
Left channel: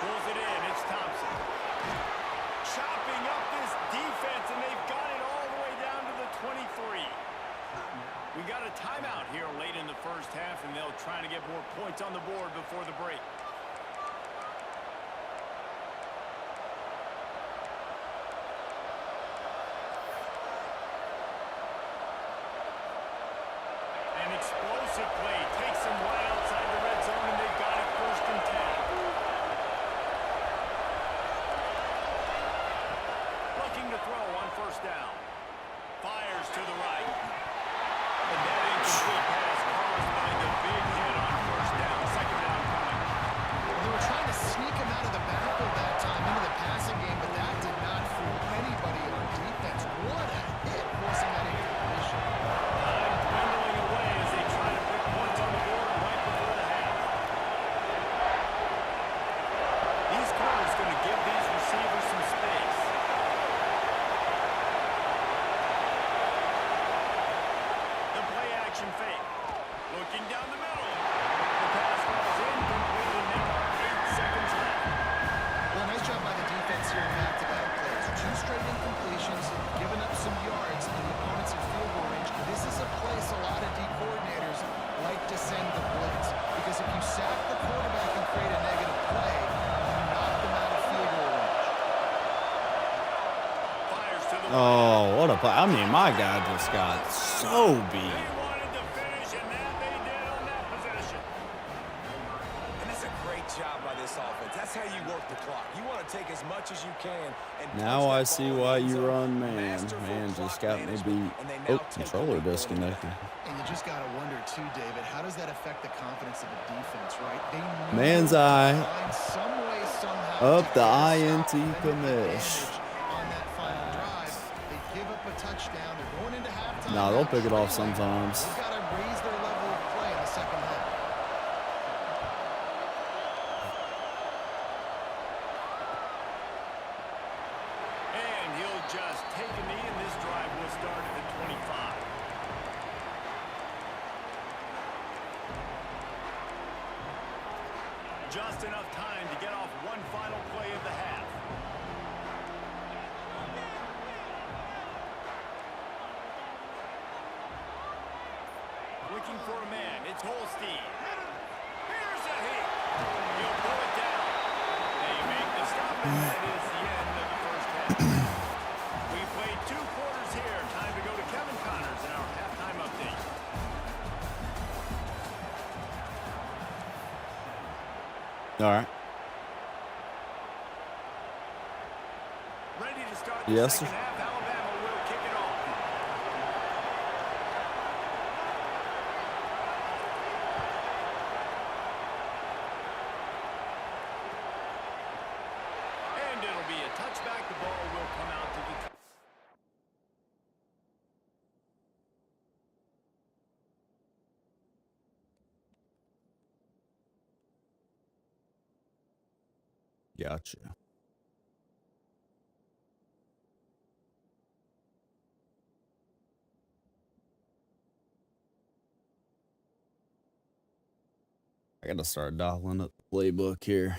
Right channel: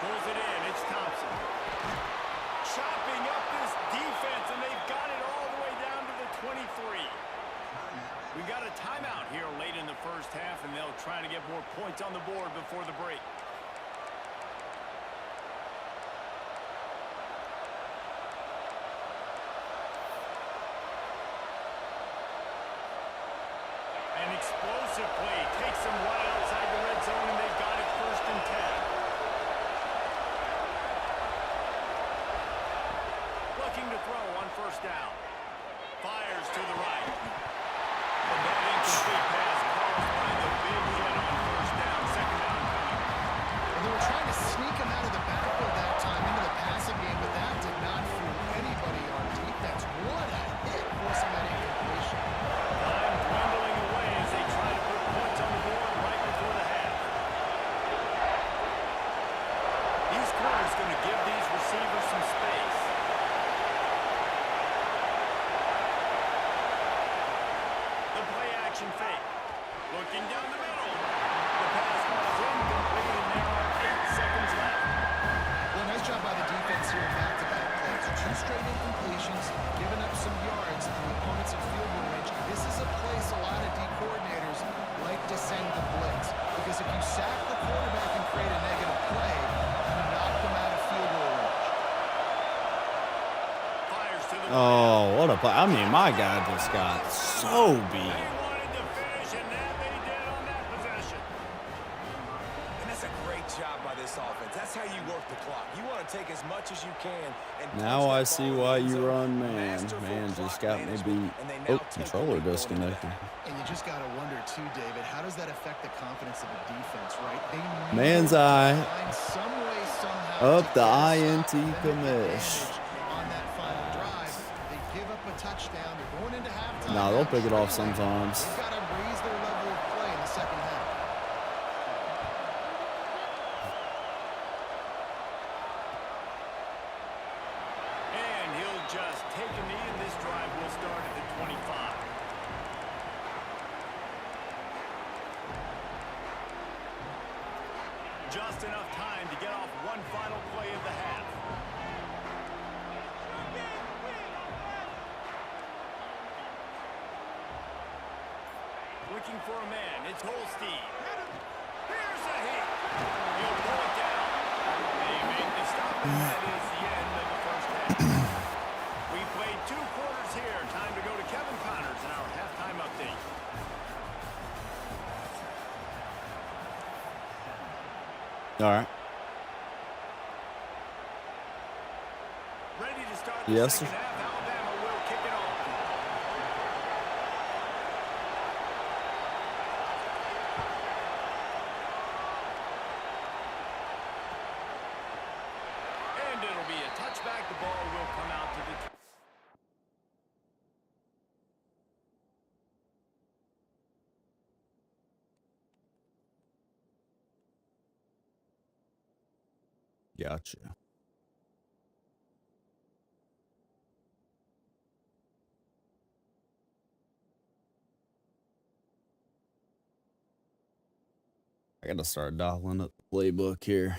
Pulls it in. It's Thompson. Chopping up this defense, and they've got it all the way down to the 23. We got a timeout here late in the first half, and they'll try to get more points on the board before the break. An explosive play takes them right outside the red zone, and they've got it 1st and 10. Looking to throw on first down. Fires to the right. And that incomplete pass caused by the big hit on first down. 2nd down coming. Well, they were trying to sneak him out of the backfield that time into the passing game, but that did not fool anybody on defense. What a hit, forcing that incompletion. Time dwindling away as they try to put points on the board right before the half. These corners going to give these receivers some space. The play action fake. Looking down the middle. The pass falls incomplete, and there are 8 seconds left. Well, nice job by the defense here in back-to-back plays. 2 straight incompletions, giving up some yards on the opponents in field goal range. This is a place a lot of D coordinators like to send the blitz, because if you sack the quarterback and create a negative play, you knock them out of field goal range. Fires to the Oh, what a play. I mean, my guy just got so beat. They wanted to finish, and that they did on that possession. And that's a great job by this offense. That's how you work the clock. You want to take as much as you can. And Now I see why you run, man. Masterful Man just clock got me management, beat. and they Oh, now take the controller lead going into the disconnected. half. And you just got to wonder, too, David, how does that affect the confidence of the defense, right? They need Man's to eye. find some way, somehow, Up to the get a INT stop, limit the commish. damage on that final drive. They give up a touchdown. They're going into halftime. Nah, they'll now pick it off trailing. sometimes. They've got to raise their level of play in the second half. And he'll just take a knee, and this drive will start at the 25. Just enough time to get off one final play of the half. Looking for a man. It's Holstein. Here's a hit. He'll pull it down. They make the stop, and that is the end of the first half. We played 2 quarters here. Time to go to Kevin Connors in our halftime update. All right. Ready to start the Yes, second sir. half. Alabama will kick it off. And it'll be a touchback. The ball will come out to the... Gotcha. I gotta start dialing up the playbook here.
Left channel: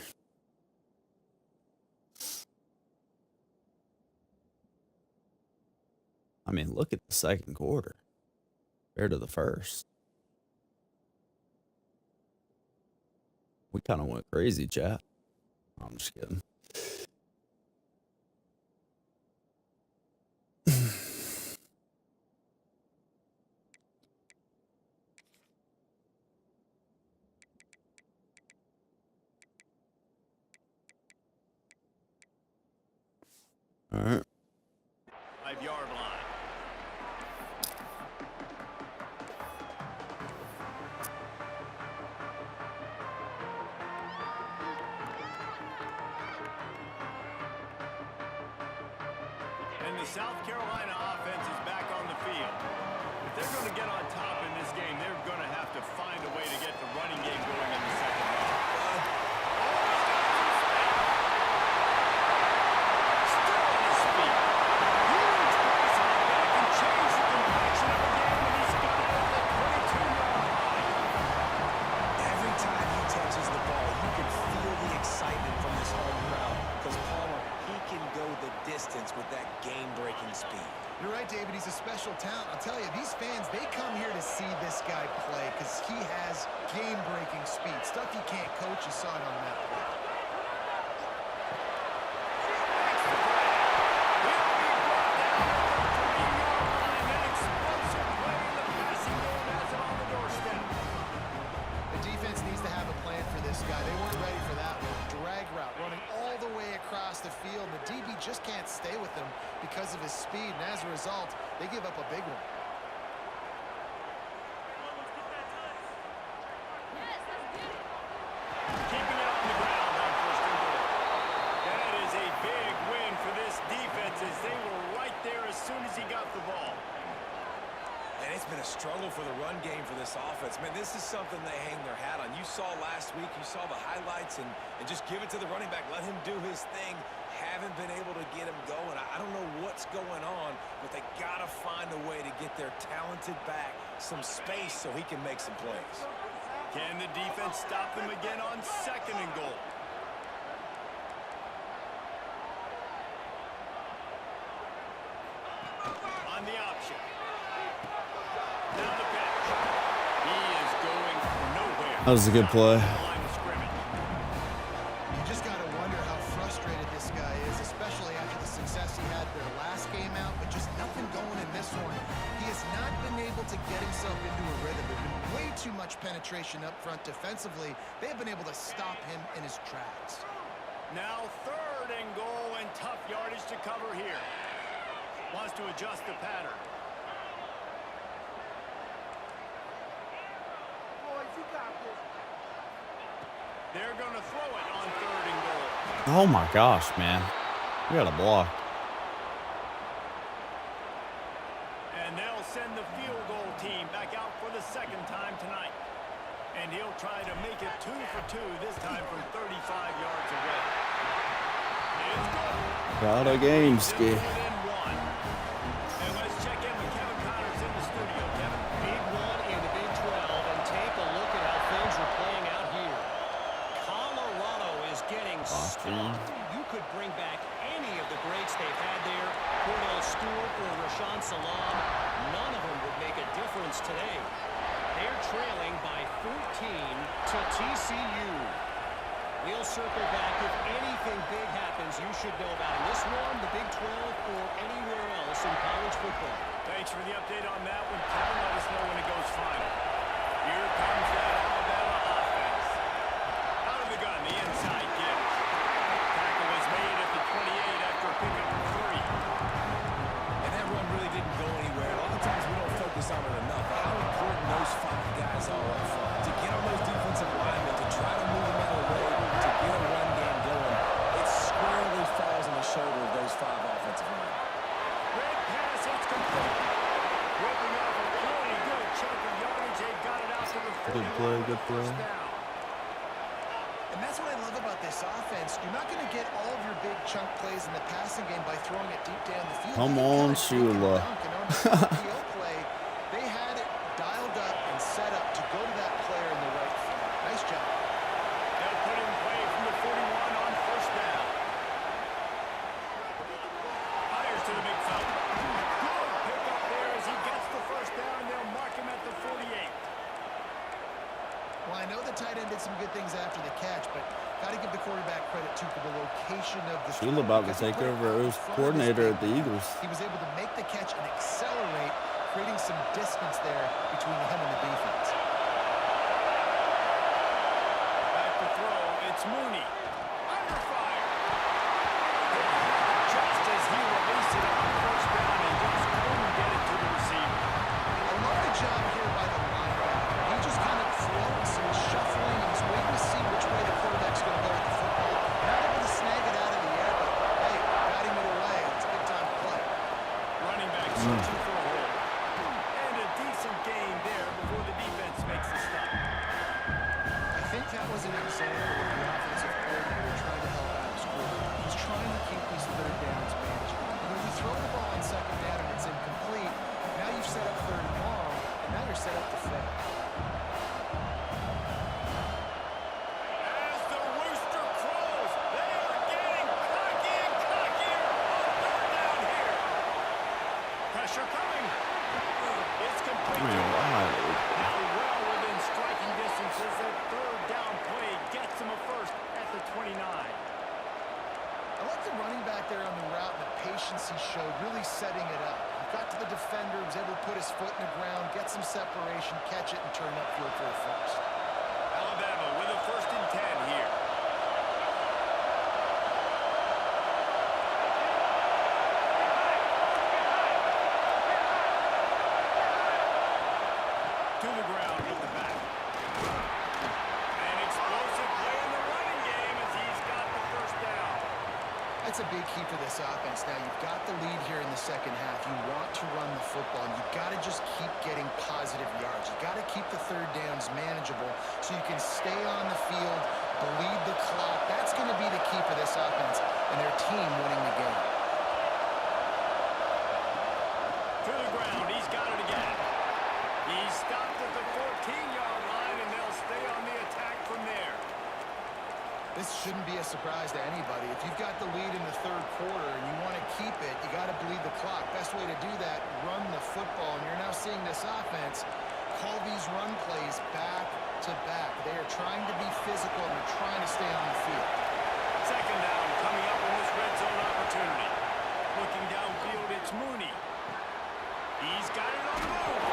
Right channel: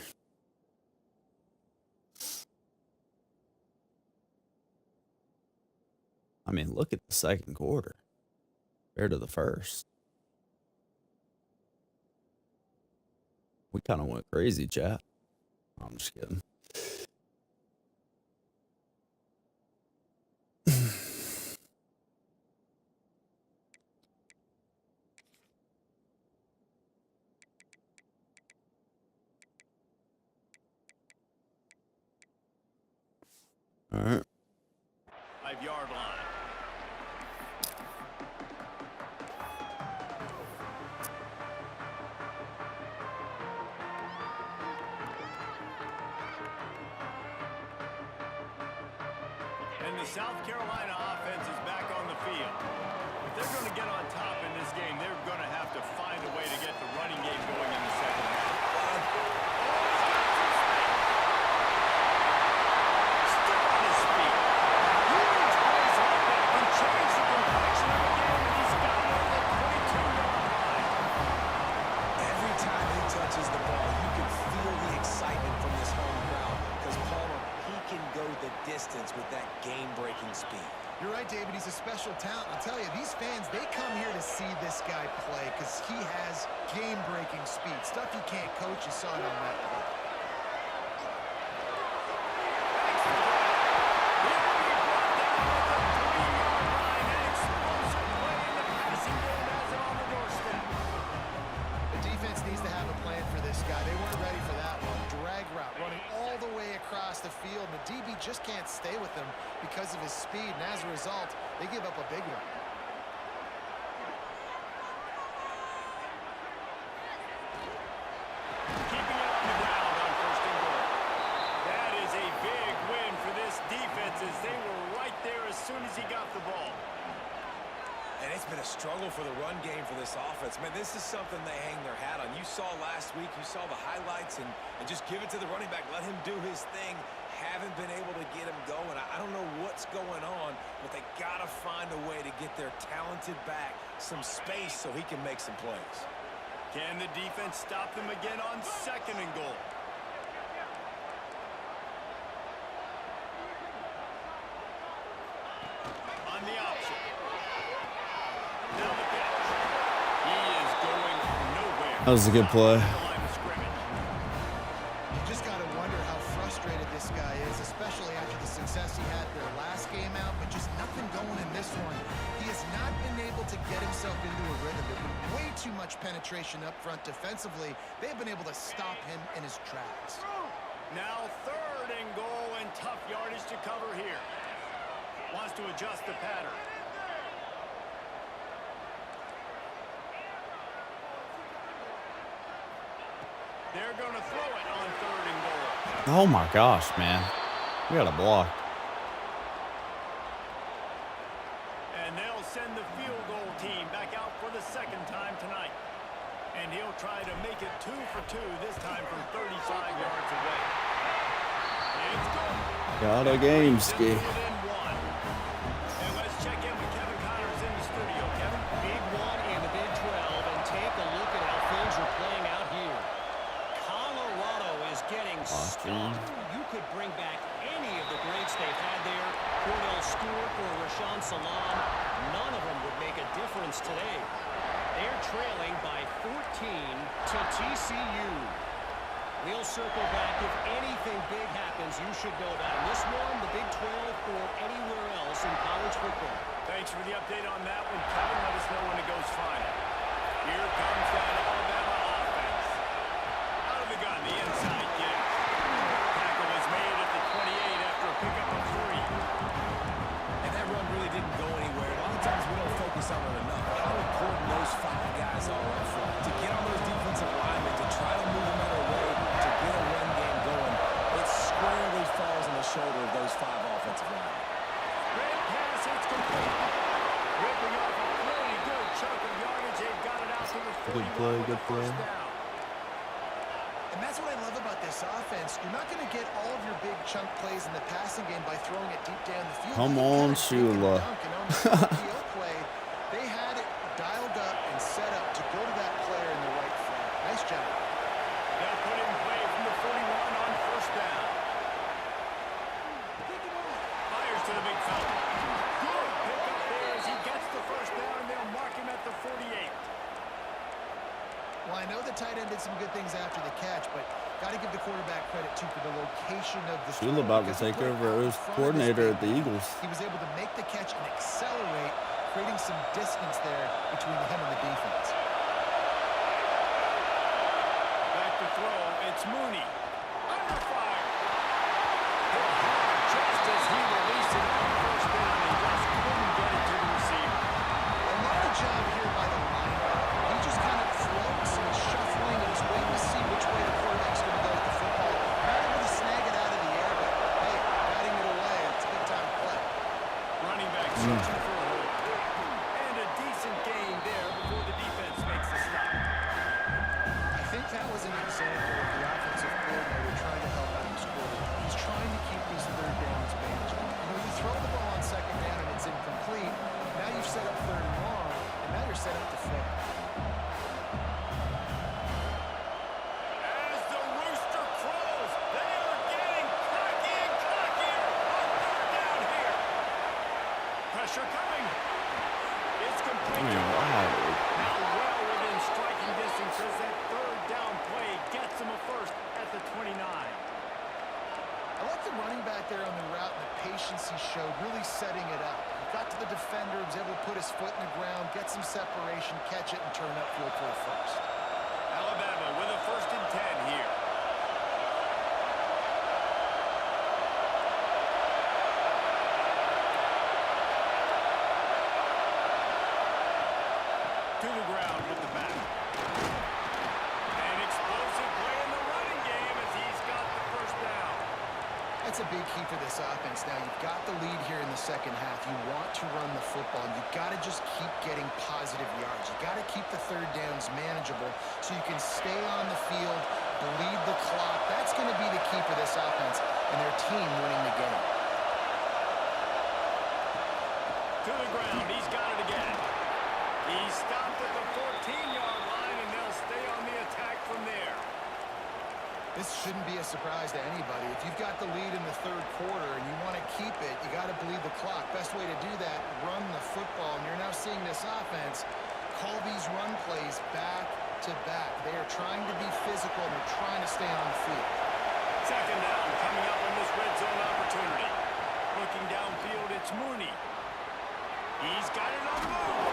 I mean, look at the second quarter compared to the first. We kind of went crazy, chat. I'm just kidding. All right. 5-yard line. And the South Carolina offense is back on the field. If they're going to get on top in this game, they're going to have to find a way to get the running game going in the second half. Oh, he's got some space. Still on his feet. Huge plays like that can change the complexion of a game, and he's got it at the 22-yard line. Every time he touches the ball, you can feel the excitement from this home crowd because Palmer, he can go the distance with that game-breaking speed. You're right, David. He's a special talent. I'll tell you, these fans, they come here to see this guy play because he has game-breaking speed. Stuff you can't coach. You saw it on that play. He'll be brought down at the 3-yard line. An explosive play in the passing game has him on the doorstep. The defense needs to have a plan for this guy. They weren't ready for that one. Drag route, running all the way across the field. The DB just can't stay with him because of his speed, and as a result, they give up a big one. Keeping it on the ground on 1st and goal. That is a big win for this defense as they were right there as soon as he got the ball. And it's been a struggle for the run game for this offense. Man, this is something they hang their hat on. You saw last week, you saw the highlights, and just give it to the running back. Let him do his thing. Haven't been able to get him going. I don't know what's going on, but they got to find a way to get their talented back some space so he can make some plays. Can the defense stop them again on 2nd and goal? On the option. Now the pitch. He is going nowhere. That was a good play. The line of scrimmage. You just got to wonder how frustrated this guy is, especially after the success he had their last game out. But get himself into a rhythm. There's been way too much penetration up front defensively. They have been able to stop him in his tracks. Now 3rd and goal, and tough yardage to cover here. Wants to adjust the pattern. They're going to throw it on 3rd and goal. Oh my gosh, man. We got a block. And they'll send the field goal team back out for the 2nd time tonight. And he'll try to make it 2 for 2, this time from 35 yards away. It's good. Got a game ski. Within 1. And let's check in with Kevin Connors in the studio. Kevin? Big one in the Big 12, and take a look at how things are playing out here. Colorado is getting stumped. You could bring back any of the greats they've had there, Cordell Stewart or Rashaan Salam. None of them would make a difference today. They're trailing by 14 to TCU. We'll circle back. If anything big happens, you should know about in this one, the Big 12, or anywhere else in college football. Thanks for the update on that one, Kevin. Let us know when it goes final. Here comes that Alabama offense. Out of the gun, the inside give. Tackle was made at the 28 after a pickup of 3. And that run really didn't go anywhere. A lot of times we don't focus on it enough. How important those 5 guys are up front. To get on those defensive linemen, to try to move them out of the way, to get a run game going, it squarely falls on the shoulder of those 5 offensive linemen. Red pass, it's complete. Ripping off a pretty good chunk of yardage. They've got it out to the 41 Good play, with good the first play. down. And that's what I love about this offense. You're not going to get all of your big chunk plays in the passing game by throwing it deep down the field. Come You on, gotta dink and Shula. dunk. And on the RPO play, they had it dialed up and set up to go to that player in the right flank. Nice job. They'll put it in play from the 41 on first down. Fires to the big fella. Good pick up there as he gets the first down, and they'll mark him at the 48. Well, I know the tight end did some good things after the catch, but got to give the quarterback credit, too, for the location of the throw. Shula about to Because he take played over out in as front of his coordinator big at the man. Eagles. He was able to make the catch and accelerate, creating some distance there between him and the defense. Back to throw, it's Mooney. Under fire. Hit hard just as he released it on first down and just couldn't get it to the receiver. I love the job here by the linebacker. He just kind of floats and he's shuffling and he's waiting to see which way the quarterback's going to go with the football. Not able to snag it out of the air, but hey, batting it away. It's a good time to play. Running back searching for a hole. And a decent gain there before the defense makes the stop. I think that was an example of the offensive coordinator trying to help out his quarterback. He's trying to keep these 3rd downs manageable. You know, you throw the ball on 2nd down and it's incomplete. Now you've set up 3rd and long, and now you're set up to fail. As the rooster crows, they are getting cocky and cockier on 3rd down here. Pressure coming. It's complete. Man, wow. Now well within striking distance as that 3rd down play gets him a first at the 29. I like the running back there on the route and the patience he showed, really setting it up. He got to the defender, was able to put his foot in the ground, get some separation, catch it, and turn upfield for the first. Alabama with a 1st and 10 here. To the ground with the back. An explosive play in the running game as he's got the first down. That's a big key for this offense. Now, you've got the lead here in the second half. You want to run the football, and you've got to just keep getting positive yards. You've got to keep the 3rd downs manageable so you can stay on the field, bleed the clock. That's going to be the key for this offense and their team winning the game. To the ground, he's got it again. He stopped at the 14-yard line, and they'll stay on the attack from there. This shouldn't be a surprise to anybody. If you've got the lead in the 3rd quarter and you want to keep it, you got to bleed the clock. Best way to do that, run the football. And you're now seeing this offense call these run plays back to back. They are trying to be physical, and they're trying to stay on the field. 2nd down coming up in this red zone opportunity. Looking downfield, it's Mooney. He's got it on the move.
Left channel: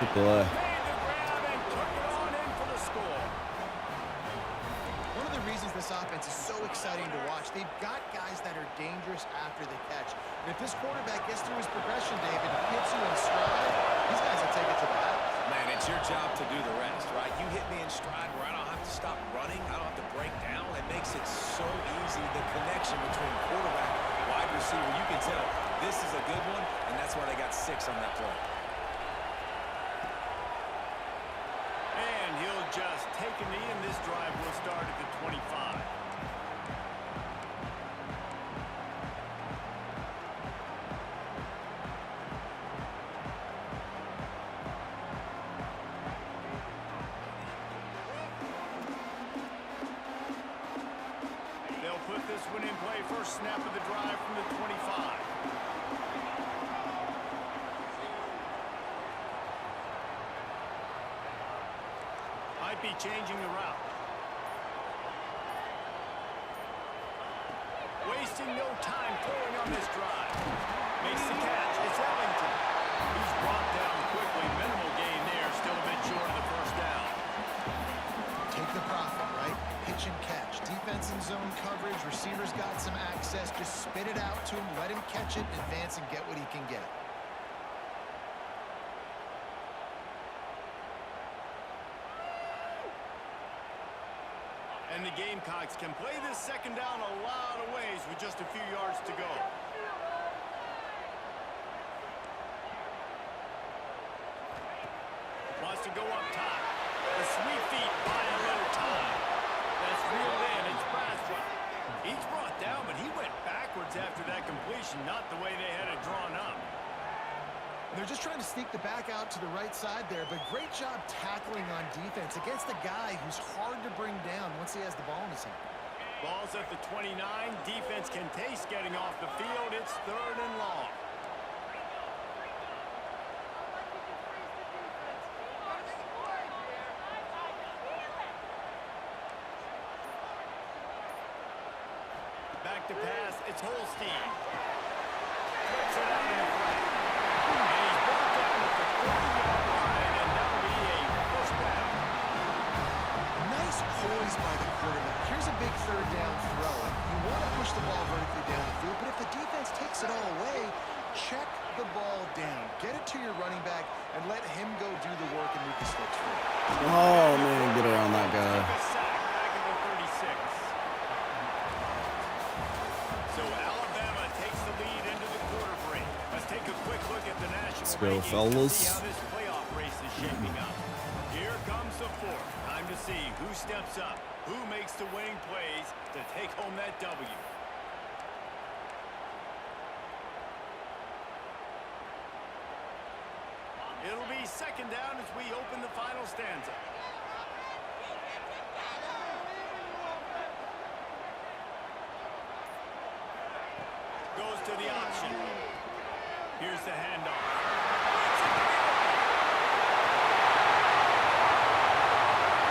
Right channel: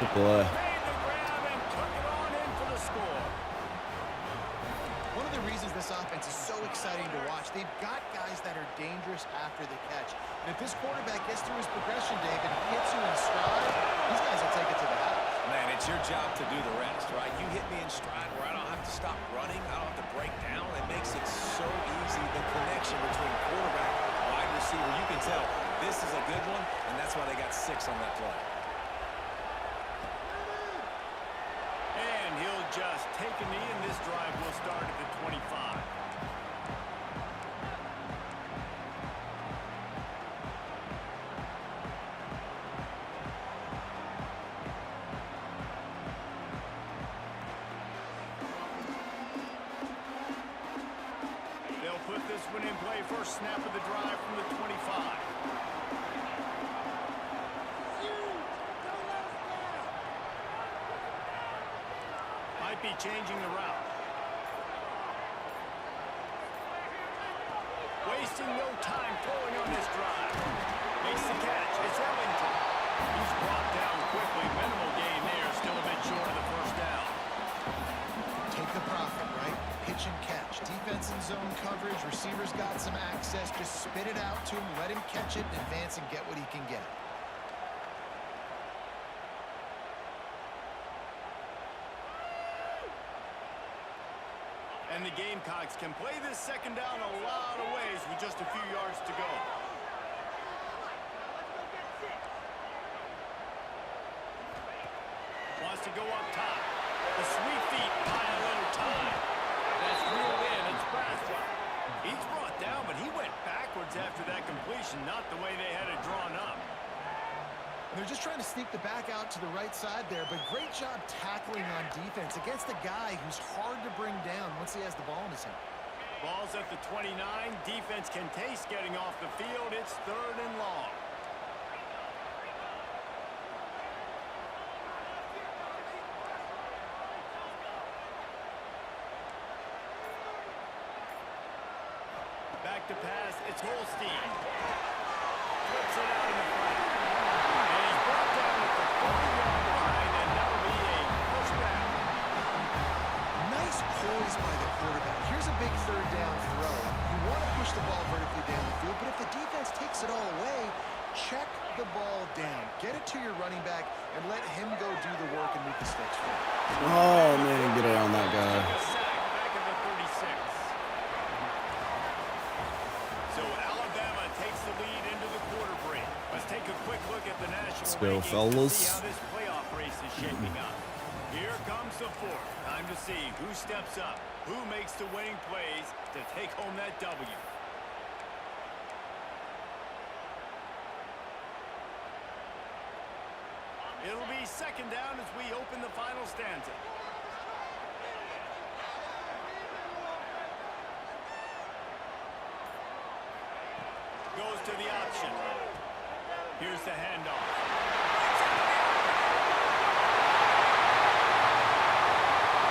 Good play. Made the grab and took it on in for the score. One of the reasons this offense is so exciting to watch, they've got guys that are dangerous after the catch. And if this quarterback gets through his progression, David, hits you in stride, these guys will take it to the house. Man, it's your job to do the rest, right? You hit me in stride where I don't have to stop running. I don't have to break down. It makes it so easy, the connection between quarterback, wide receiver. You can tell this is a good one, and that's why they got 6 on that play. And he'll just take a knee, and this drive will start at the 25. They'll put this one in play. First snap of the drive from the 25. Might be changing the route. Wasting no time throwing on this drive. Makes the catch. It's Ellington. He's brought down quickly. Minimal gain there. Still a bit short of the first down. Take the profit, right? Pitch and catch. Defense and zone coverage. Receivers got some access. Just spit it out to him. Let him catch it and advance and get what he can get. And the Gamecocks can play this second down a lot of ways with just a few yards to go. Wants to go up top. The sweep feet buy a little time. That's reeled in. It's Braswell. He's brought down, but he went backwards after that completion, not the way they had it drawn up. And they're just trying to sneak the back out to the right side there, but great job tackling on defense against a guy who's hard to bring down once he has the ball in his hand. Ball's at the 29. Defense can taste getting off the field. It's 3rd and long. Back to pass. It's Holstein. Flips it out in the flat. And he's brought down at the 40-yard line, and that'll be a first down. Nice poise by the quarterback. Here's a big 3rd down throw. You want to push the ball vertically down the field, but if the defense takes it all away, check the ball down. Get it to your running back and let him go do the work and move the sticks forward. Oh, man, get around that guy. Take a sack back at the 36. So Alabama takes the lead into the quarter break. Let's take a quick look at the national go, rankings fellas. to see how this playoff race is shaping up. Here comes the 4th. Time to see who steps up, who makes the winning plays to take home that W. It'll be second down as we open the final stanza. Goes to the option. Here's the handoff. Breaks into the open.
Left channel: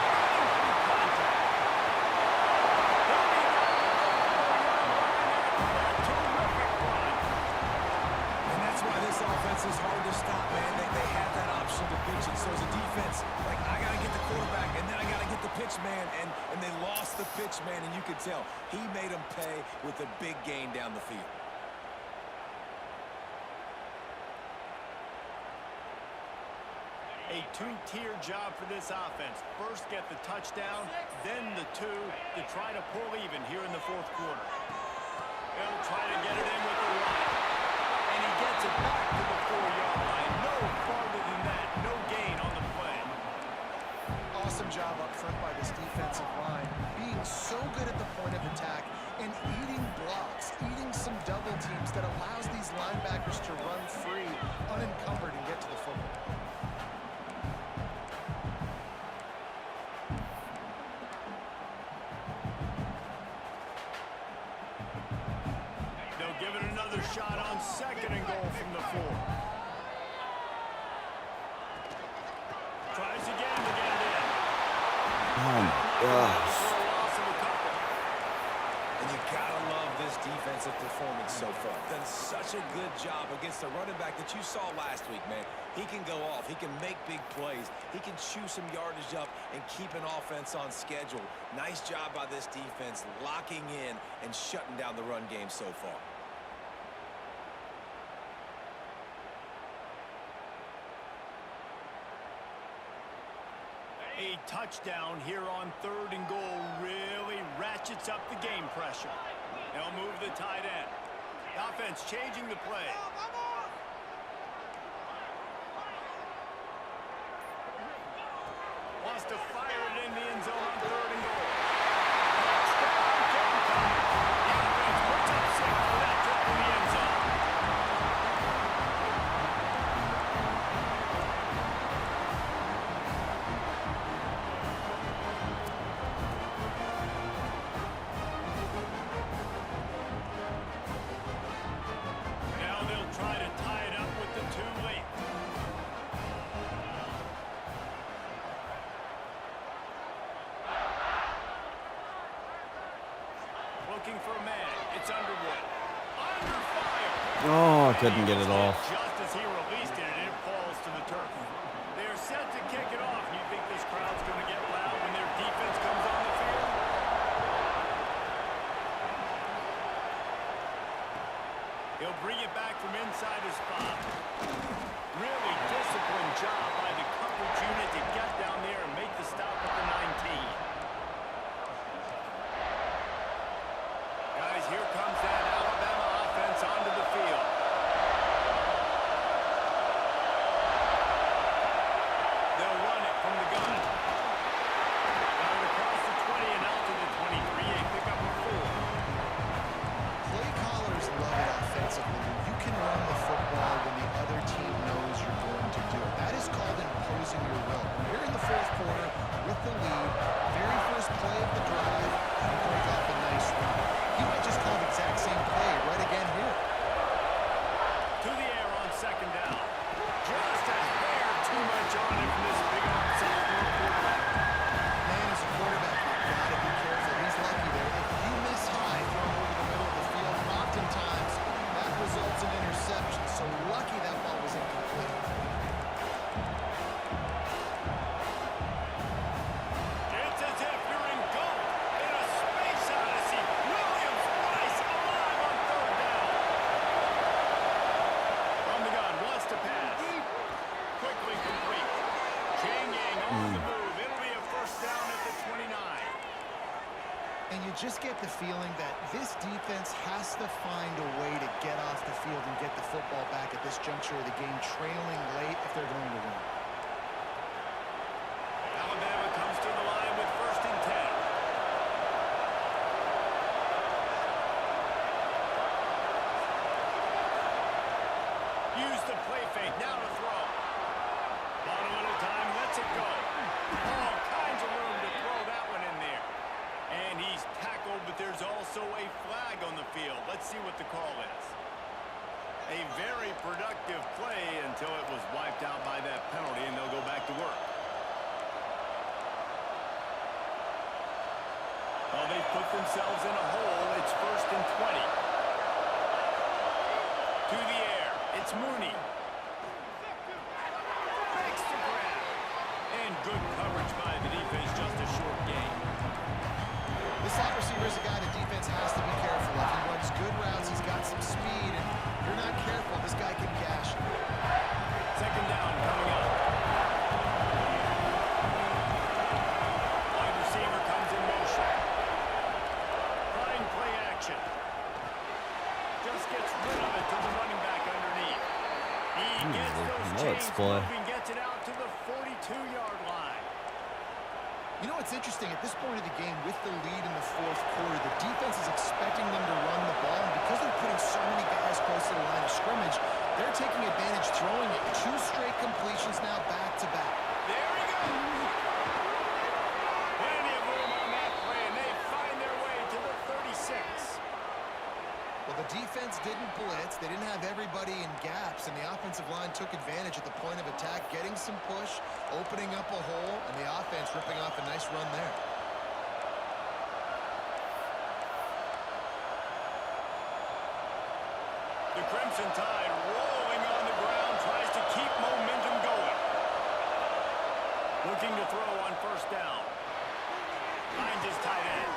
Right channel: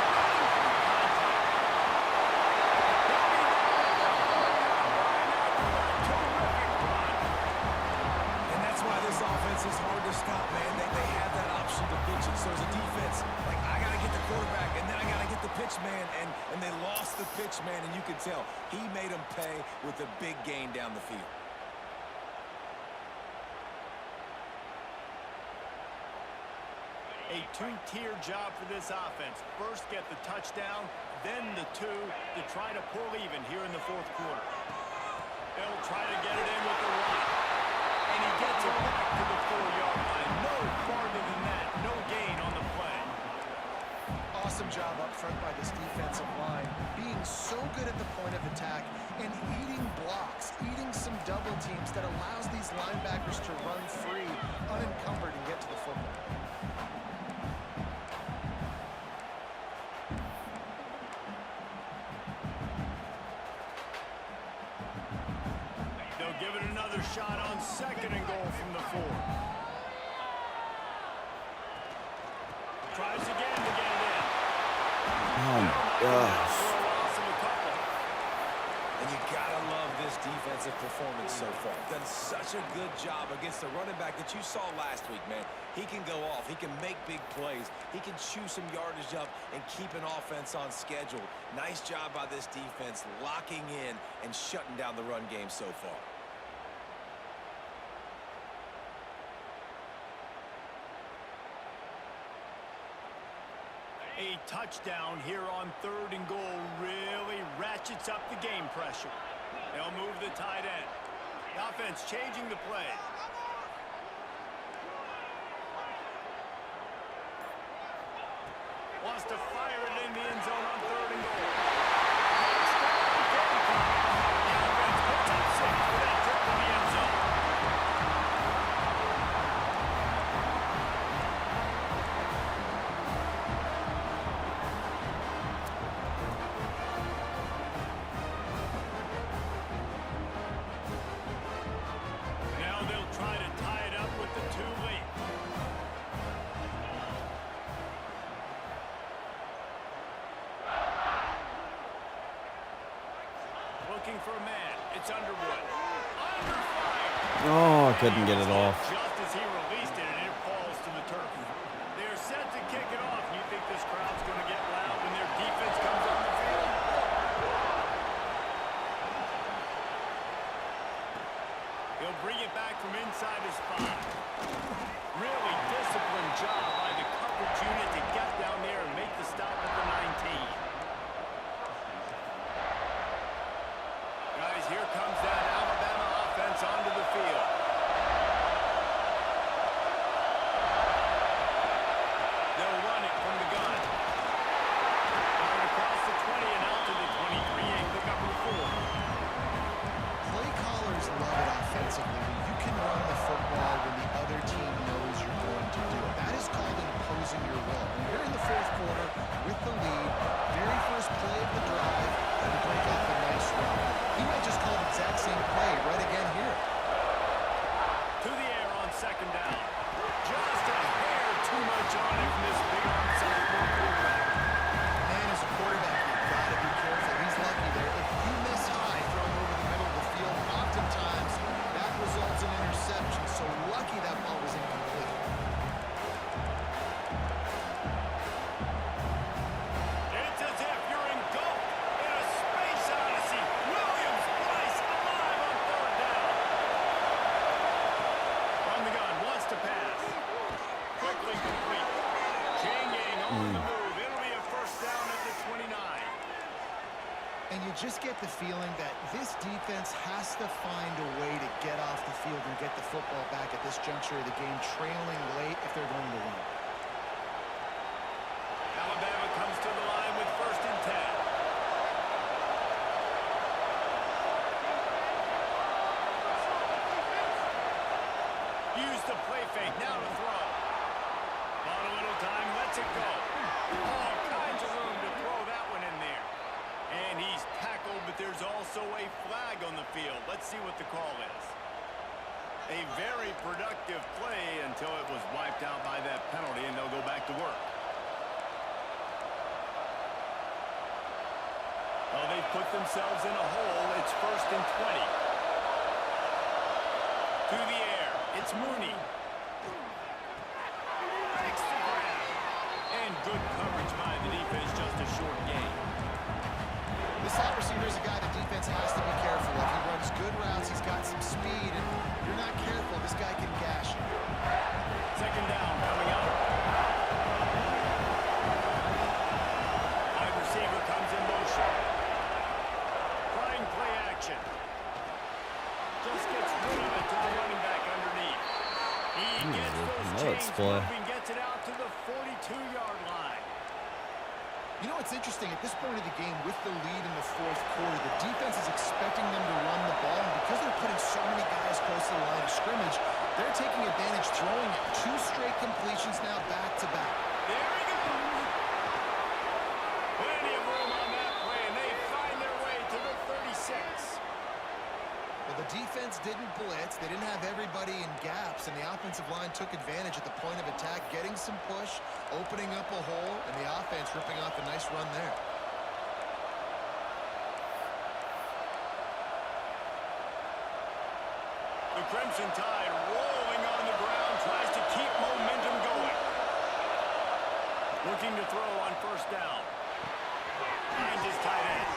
Running through contact. He'll be down at the 4-yard line after that terrific run. And that's why this offense is hard to stop, man. They have that option to pitch it. So as a defense, like, I got to get the quarterback, and then I got to get the pitch man, and they lost the pitch man, and you could tell he made them pay with a big gain down the field. A 2-tier job for this offense. First get the touchdown, then the 2 to try to pull even here in the 4th quarter. They'll try to get it in with the run. And he gets it back to the 4-yard line. No farther than that. No gain on the play. Awesome job up front by this defensive line, being so good at the point of attack and eating blocks, eating some double teams that allows these linebackers to run free, unencumbered, and get to the football. They'll give it another shot on 2nd and goal from the 4. Tries again to get it in. Oh, my gosh. For a loss of a couple. And you gotta love this defensive performance so far. Done such a good job against the running back that you saw last week, man. He can go off. He can make big plays. He can chew some yardage up and keep an offense on schedule. Nice job by this defense locking in and shutting down the run game so far. A touchdown here on 3rd and goal really ratchets up the game pressure. They'll move the tight end. The offense changing the play. Wants to fire it in the end zone on 3rd and goal. Touchdown, Gamecock. The offense puts up 6 for that trip to the end zone. Now they'll try to tie it up with the 2 late. Looking for a man. It's Underwood. Under fire. Oh, I couldn't get it off. Just as he released it, and it falls to the turf. They're set to kick it off. You think this crowd's going to get loud when their defense comes on the field? He'll bring it back from inside his 5. Really disciplined job by the coverage unit to get down there and make the stop at the 19. Guys, here comes that Alabama offense onto the field. They'll run it from the gun. Got it across the 20 and out to the 23. A pickup of 4. Play callers love it offensively. You can run the football when the other team knows you're going to do it. That is called imposing your will. And here in the 4th quarter with the lead, very first play of the drive, and break off a nice run. He might just call the exact same play right again here. To the air on 2nd down. Just a hair too much on it from this big arm sophomore quarterback. Man, as a quarterback, you've got to be careful. He's lucky there. If you miss high throwing over the middle of the field, oftentimes that results in interception. So lucky that ball was incomplete. It's as if you're engulfed in a space odyssey. Williams-Brice alive on 3rd down. From the gun, wants to pass. Quickly complete. Changing on the move. It'll be a 1st down at the 29. And you just get the feeling that this defense has to find a way to get off the field and get the football back at this juncture of the game, trailing late if they're going to win. Alabama comes to the line with 1st and 10. Use the play fake, now to throw. Bought a little time, lets it go. All kinds of room to throw that one in there. And he's tackled, but there's also a flag on the field. Let's see what the call is. A very productive play until it was wiped out by that penalty, and they'll go back to work. Well, they've put themselves in a hole. It's 1st and 20. To the air. It's Mooney. Makes the grab. And good coverage by the defense, just a short gain. This slot receiver is a guy the defense has to be careful of. He runs good routes. He's got some speed, and if you're not careful, this guy can gash you. 2nd down coming up. Wide receiver comes in motion. Trying play action. Just gets rid of it to the running back underneath. He gets those chains moving, gets it out to the 42-yard line. You know what's interesting? At this point of the game, with the lead in the 4th quarter, the defense is expecting them to run the ball, and because they're putting so many guys close to the line of scrimmage, they're taking advantage, throwing it. 2 straight completions now back-to-back. There he goes. Plenty of room on that play, and they find their way to the 36. Well, the defense didn't blitz. They didn't have everybody in gaps, and the offensive line took advantage at the point of attack, getting some push, opening up a hole, and the offense ripping off a nice run there. Crimson Tide rolling on the ground, tries to keep momentum going. Looking to throw on first down. Finds his tight end.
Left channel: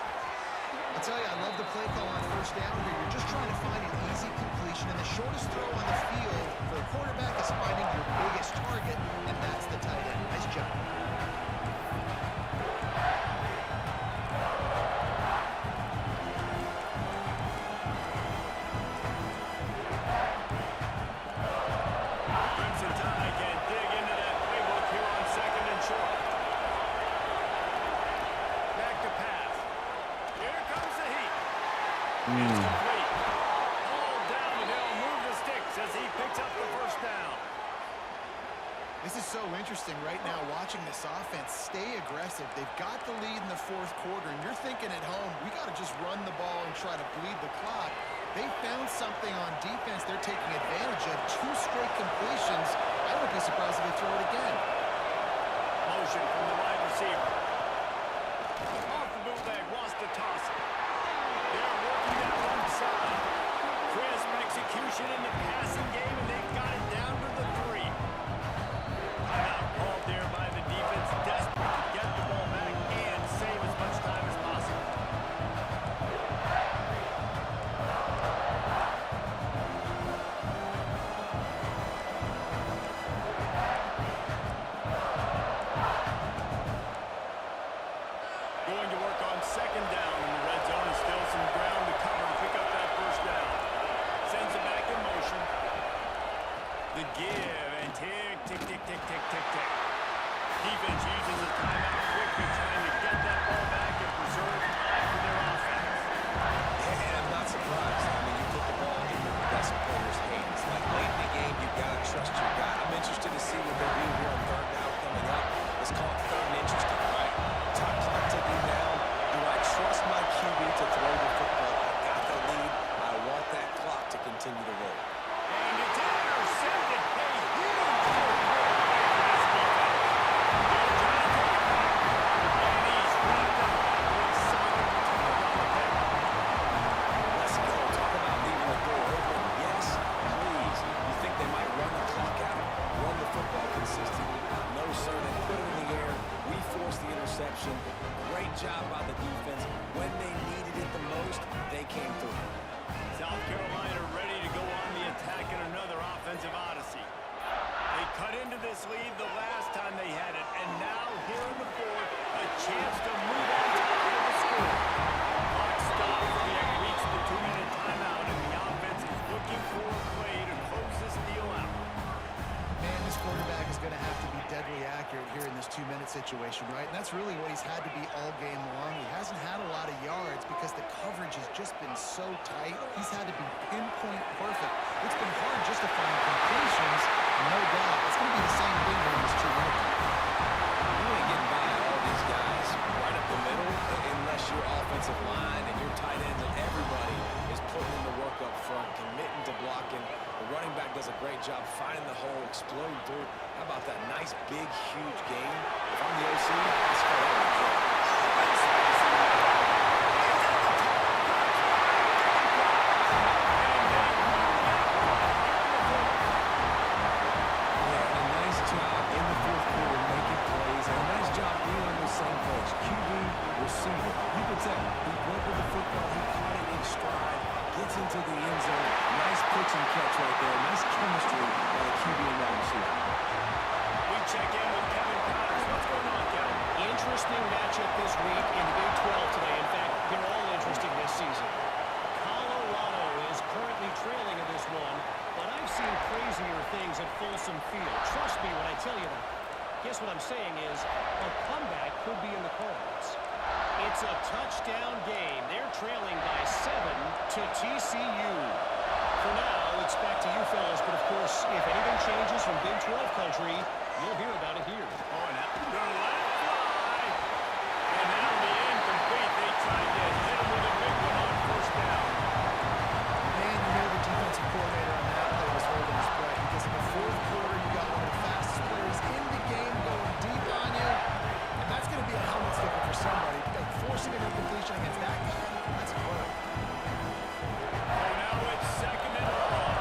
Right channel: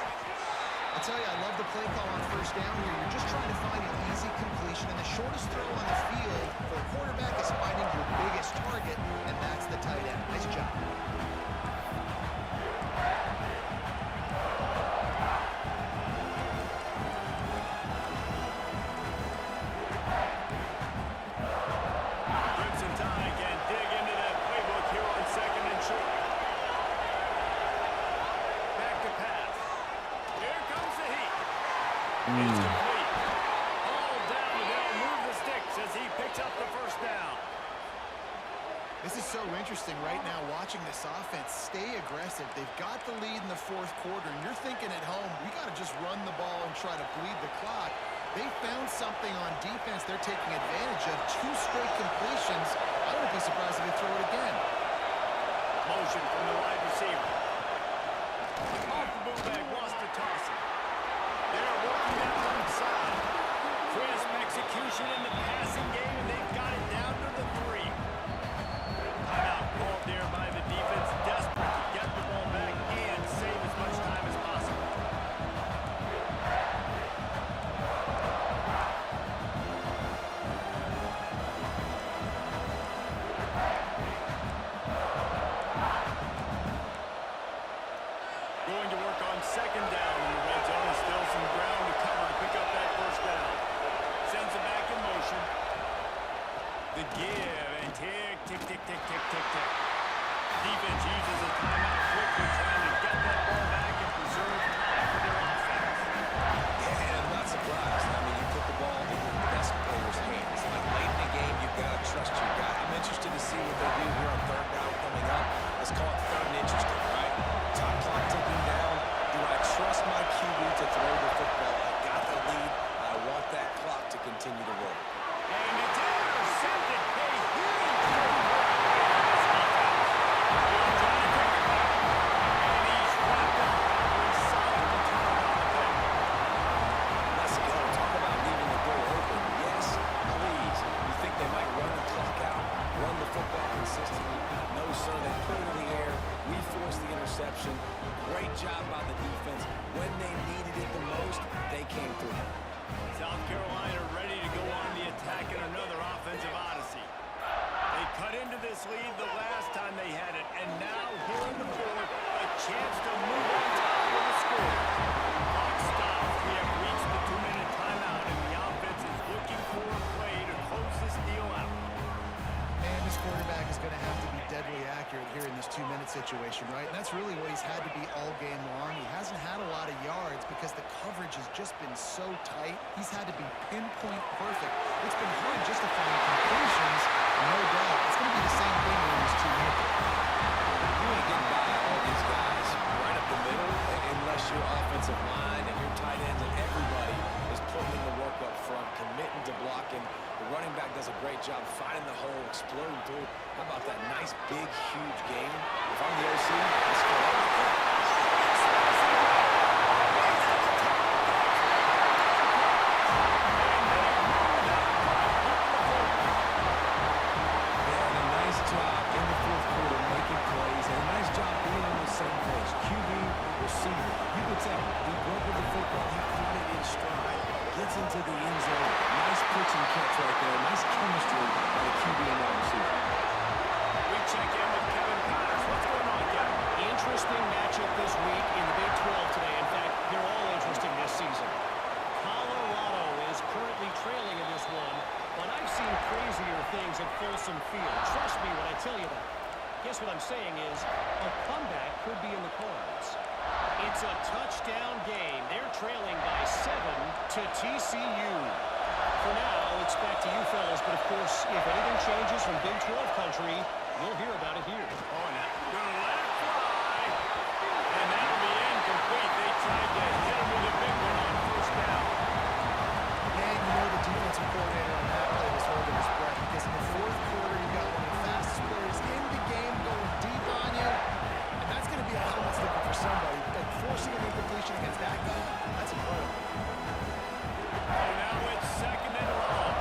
I'll tell you, I love the play call on first down here. You're just trying to find an easy completion, and the shortest throw on the field for a quarterback is finding your biggest target, and that's the tight end. Nice job. Crimson Tide can dig into that playbook here on second and short. Back to pass. Here comes the heat. It's complete. All down, and they'll move the sticks as he picks up the first down. This is so interesting right now watching this offense stay aggressive. They've got the lead in the fourth quarter, and you're thinking at home, we got to just run the ball and try to bleed the clock. They found something on defense they're taking advantage of. 2 straight completions. I wouldn't be surprised if they throw it again. Motion from the wide receiver. Off the bootleg, wants to toss it. They're working that left side. Crisp execution in the passing game, and they've got it down to the 3. Timeout called there by the defense, desperate to get the ball back and save as much time as possible. Going to work on second down in the red zone, and still some ground to cover to pick up that first down. Sends it back in motion. The give, and tick, tick, tick, tick, tick, tick, tick. Defense uses a timeout quickly, trying to get that ball back and preserve time for their offense. Yeah, and I'm not surprised. I mean, you put the ball in your best player's hands. Like, late in the game, you've got to trust your guy. I'm interested to see what they do here on third down coming up. Let's call it third and interesting, right? Top clock ticking down. Do I trust my QB to throw the football? I got the lead. I want that clock to continue to roll. And it's intercepted. A huge fourth quarter play for this defense. They're trying to take it back. And he's wrapped up after a solid return on the pick. Let's go. Talk about leaving the door open. Yes, please. You think they might run the clock out, run the football consistently? No, sir. They put it in the air. We forced the interception. Great job by the defense. When they needed it the most, they came through. South Carolina ready to go on the attack in another offensive odyssey. They cut into this lead the last time they had it, and now here in the fourth, a chance to move on top of the score. Clock stops. We have reached the 2-minute timeout, and the offense is looking for a play to close this deal out. Man, this quarterback is going to have to be deadly accurate here in this 2-minute situation, right? And that's really what he's had to be all game long. He hasn't had a lot of yards because the coverage has just been so tight. He's had to be pinpoint perfect. It's been hard just to find completions, no doubt. It's going to be the same thing here in this 2-minute. You ain't getting by all these guys right up the middle unless your offensive line and your tight ends and everybody is putting in the work up front, committing to blocking. The running back does a great job finding the hole, exploding through. How about that nice, big, huge game? If I'm the OC, let's go out with it. Job in the fourth quarter making plays, and a nice job being on the same page. QB, receiver. You could tell he broke with the football, he caught it in stride, gets into the end zone. Nice pitch and catch right there. Nice chemistry by the QB and wide receiver. We check in with Kevin Connors. What's going on, Kevin? Interesting matchup this week in the Big 12 today. In fact, they're all interesting this season. Colorado is currently trailing in this one, but I've seen crazier things at Folsom Field. Trust me when I tell you that. Guess what I'm saying is a comeback could be in the cards. It's a touchdown game. They're trailing by 7 to TCU. For now, it's back to you fellas, but of course, if anything changes from Big 12 country, you'll hear about it here. Oh, and that's going to let it fly. And that'll be incomplete. They tried to hit him with a big one on first down. Man, you know the defensive coordinator on that play was holding his breath because in the fourth quarter, you got one of the fastest players in the game going deep on you. And that's going to be a helmet sticker for somebody. Like forcing an incompletion against that guy, that's incredible. So now it's second and long.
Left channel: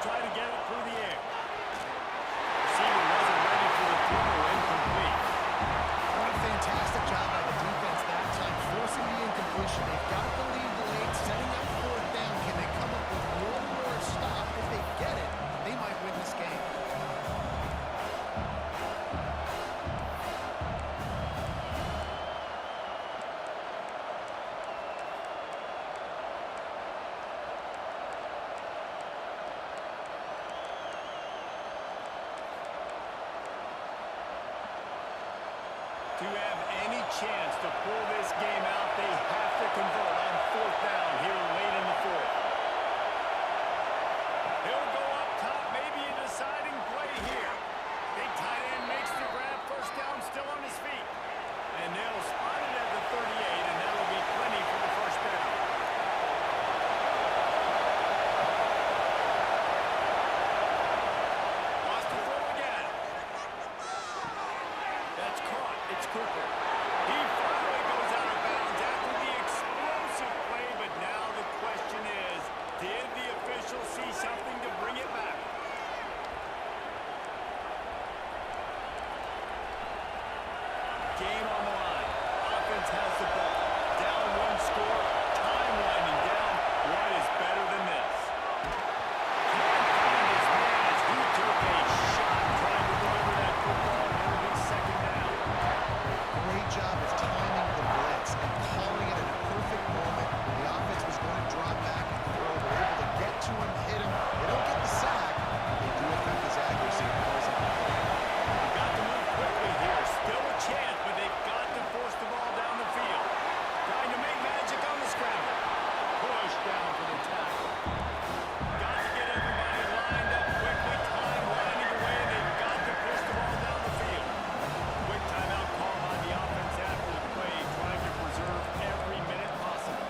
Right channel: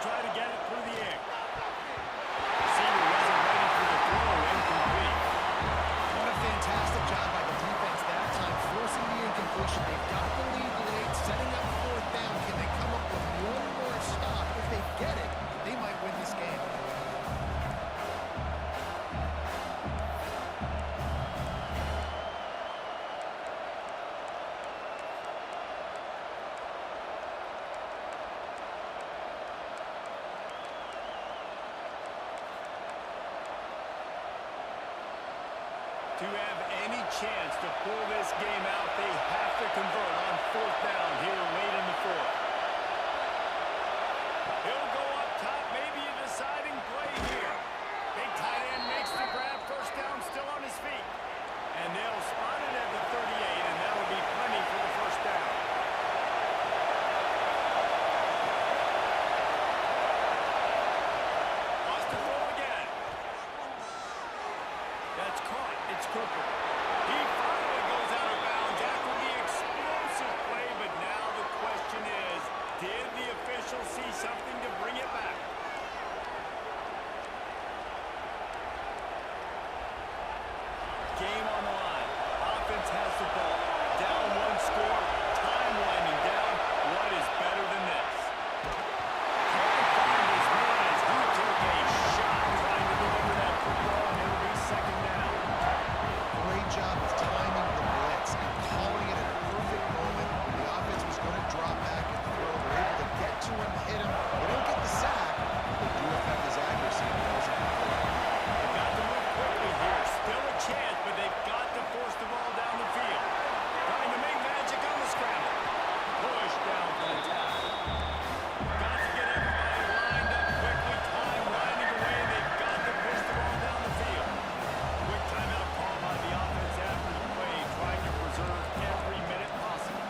They'll try to get it through the air. Receiver wasn't ready for the throw. Incomplete. What a fantastic job by the defense that time, forcing the incompletion. They've got the lead late, setting up fourth down. Can they come up with one more stop? If they get it, they might win this game. To have any chance to pull this game out, they have to convert on fourth down here late in the fourth. He'll go up top, maybe a deciding play here. Big tight end makes the grab, first down, still on his feet. And they'll spot it at the 38, and that'll be plenty for the first down. Wants to throw again. That's caught. It's Cooper. He finally goes out of bounds after the explosive play, but now the question is, did the official see something to bring it back? Game on the line. Offense has the ball. Down one score. Time winding down. What is better than this? Can't find his man as he took a shot trying to deliver that football, and it'll be second down. Great job of timing the blitz and calling it at a perfect moment when the offense was going to drop back and throw. They're able to get to him, hit him. They don't get the sack, but they do affect his accuracy and falls incomplete. They've got to move quickly here. Still a chance, but they've got to force the ball down the field. Trying to make magic on the scramble. Push down for the tackle. Got to get everybody lined up quickly. Time winding away. They've got to push the ball down the field. Quick timeout call by the offense after the play, trying to preserve every minute possible.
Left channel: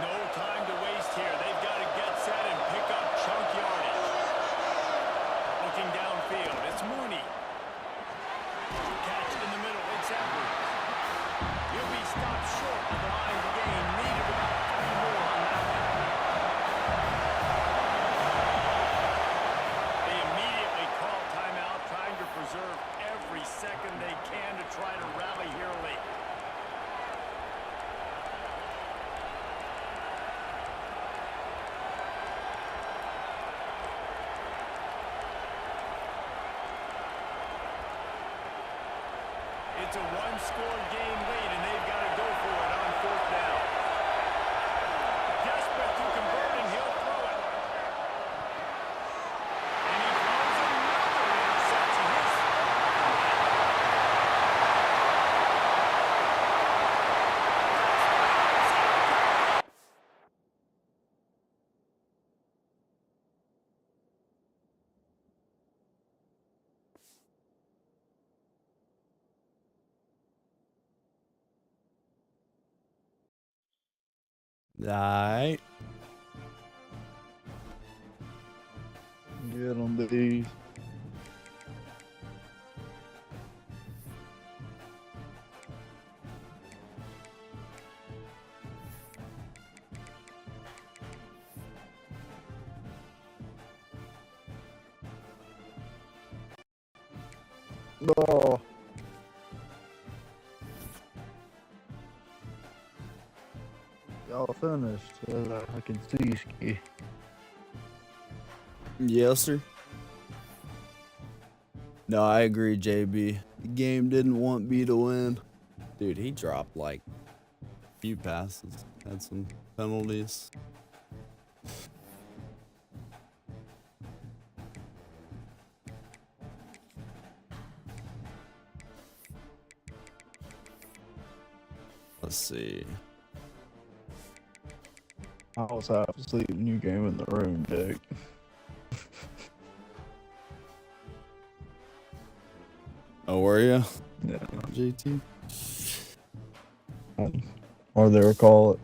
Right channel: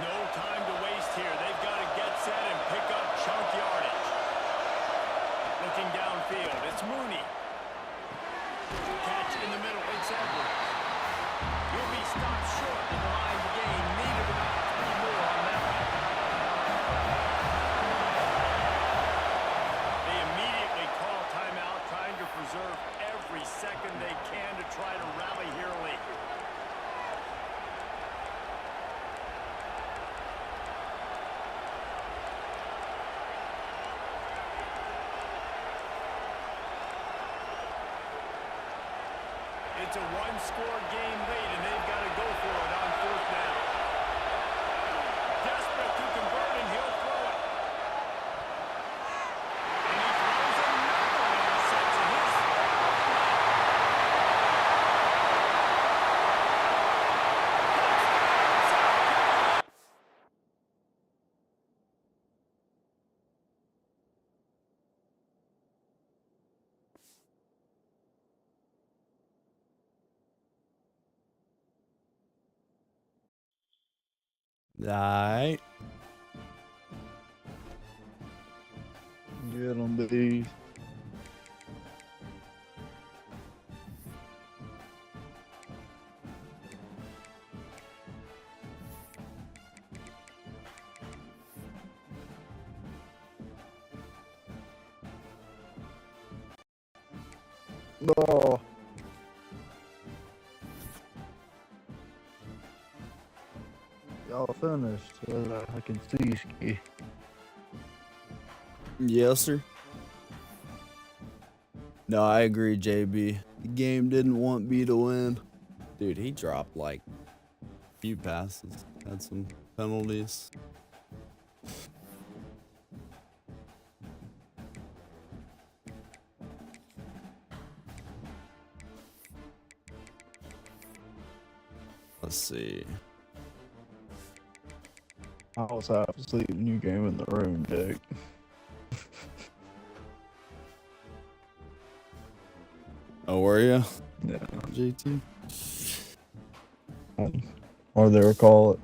No time to waste here. They've got to get set and pick up chunk yardage. Looking downfield, it's Mooney. Catch in the middle, it's Edwards. He'll be stopped short of the line to gain. Needed about 3 more on that one. They immediately call timeout, trying to preserve every second they can to try to rally here late. It's a one-score game late, and they've got to go for it on fourth down. Desperate to convert, and he'll throw it. And he throws another interception. His third of the night. Touchdown, South Carolina. Alright. Get on these. Oh. Y'all finished. I can see Ski. Yes, sir. No, I agree, JB. The game didn't want B to win. Dude, he dropped like a few passes. Had some penalties. Let's see. I was half asleep when you came in the room, Dick. Oh, were you? Yeah. JT? Or they were call it.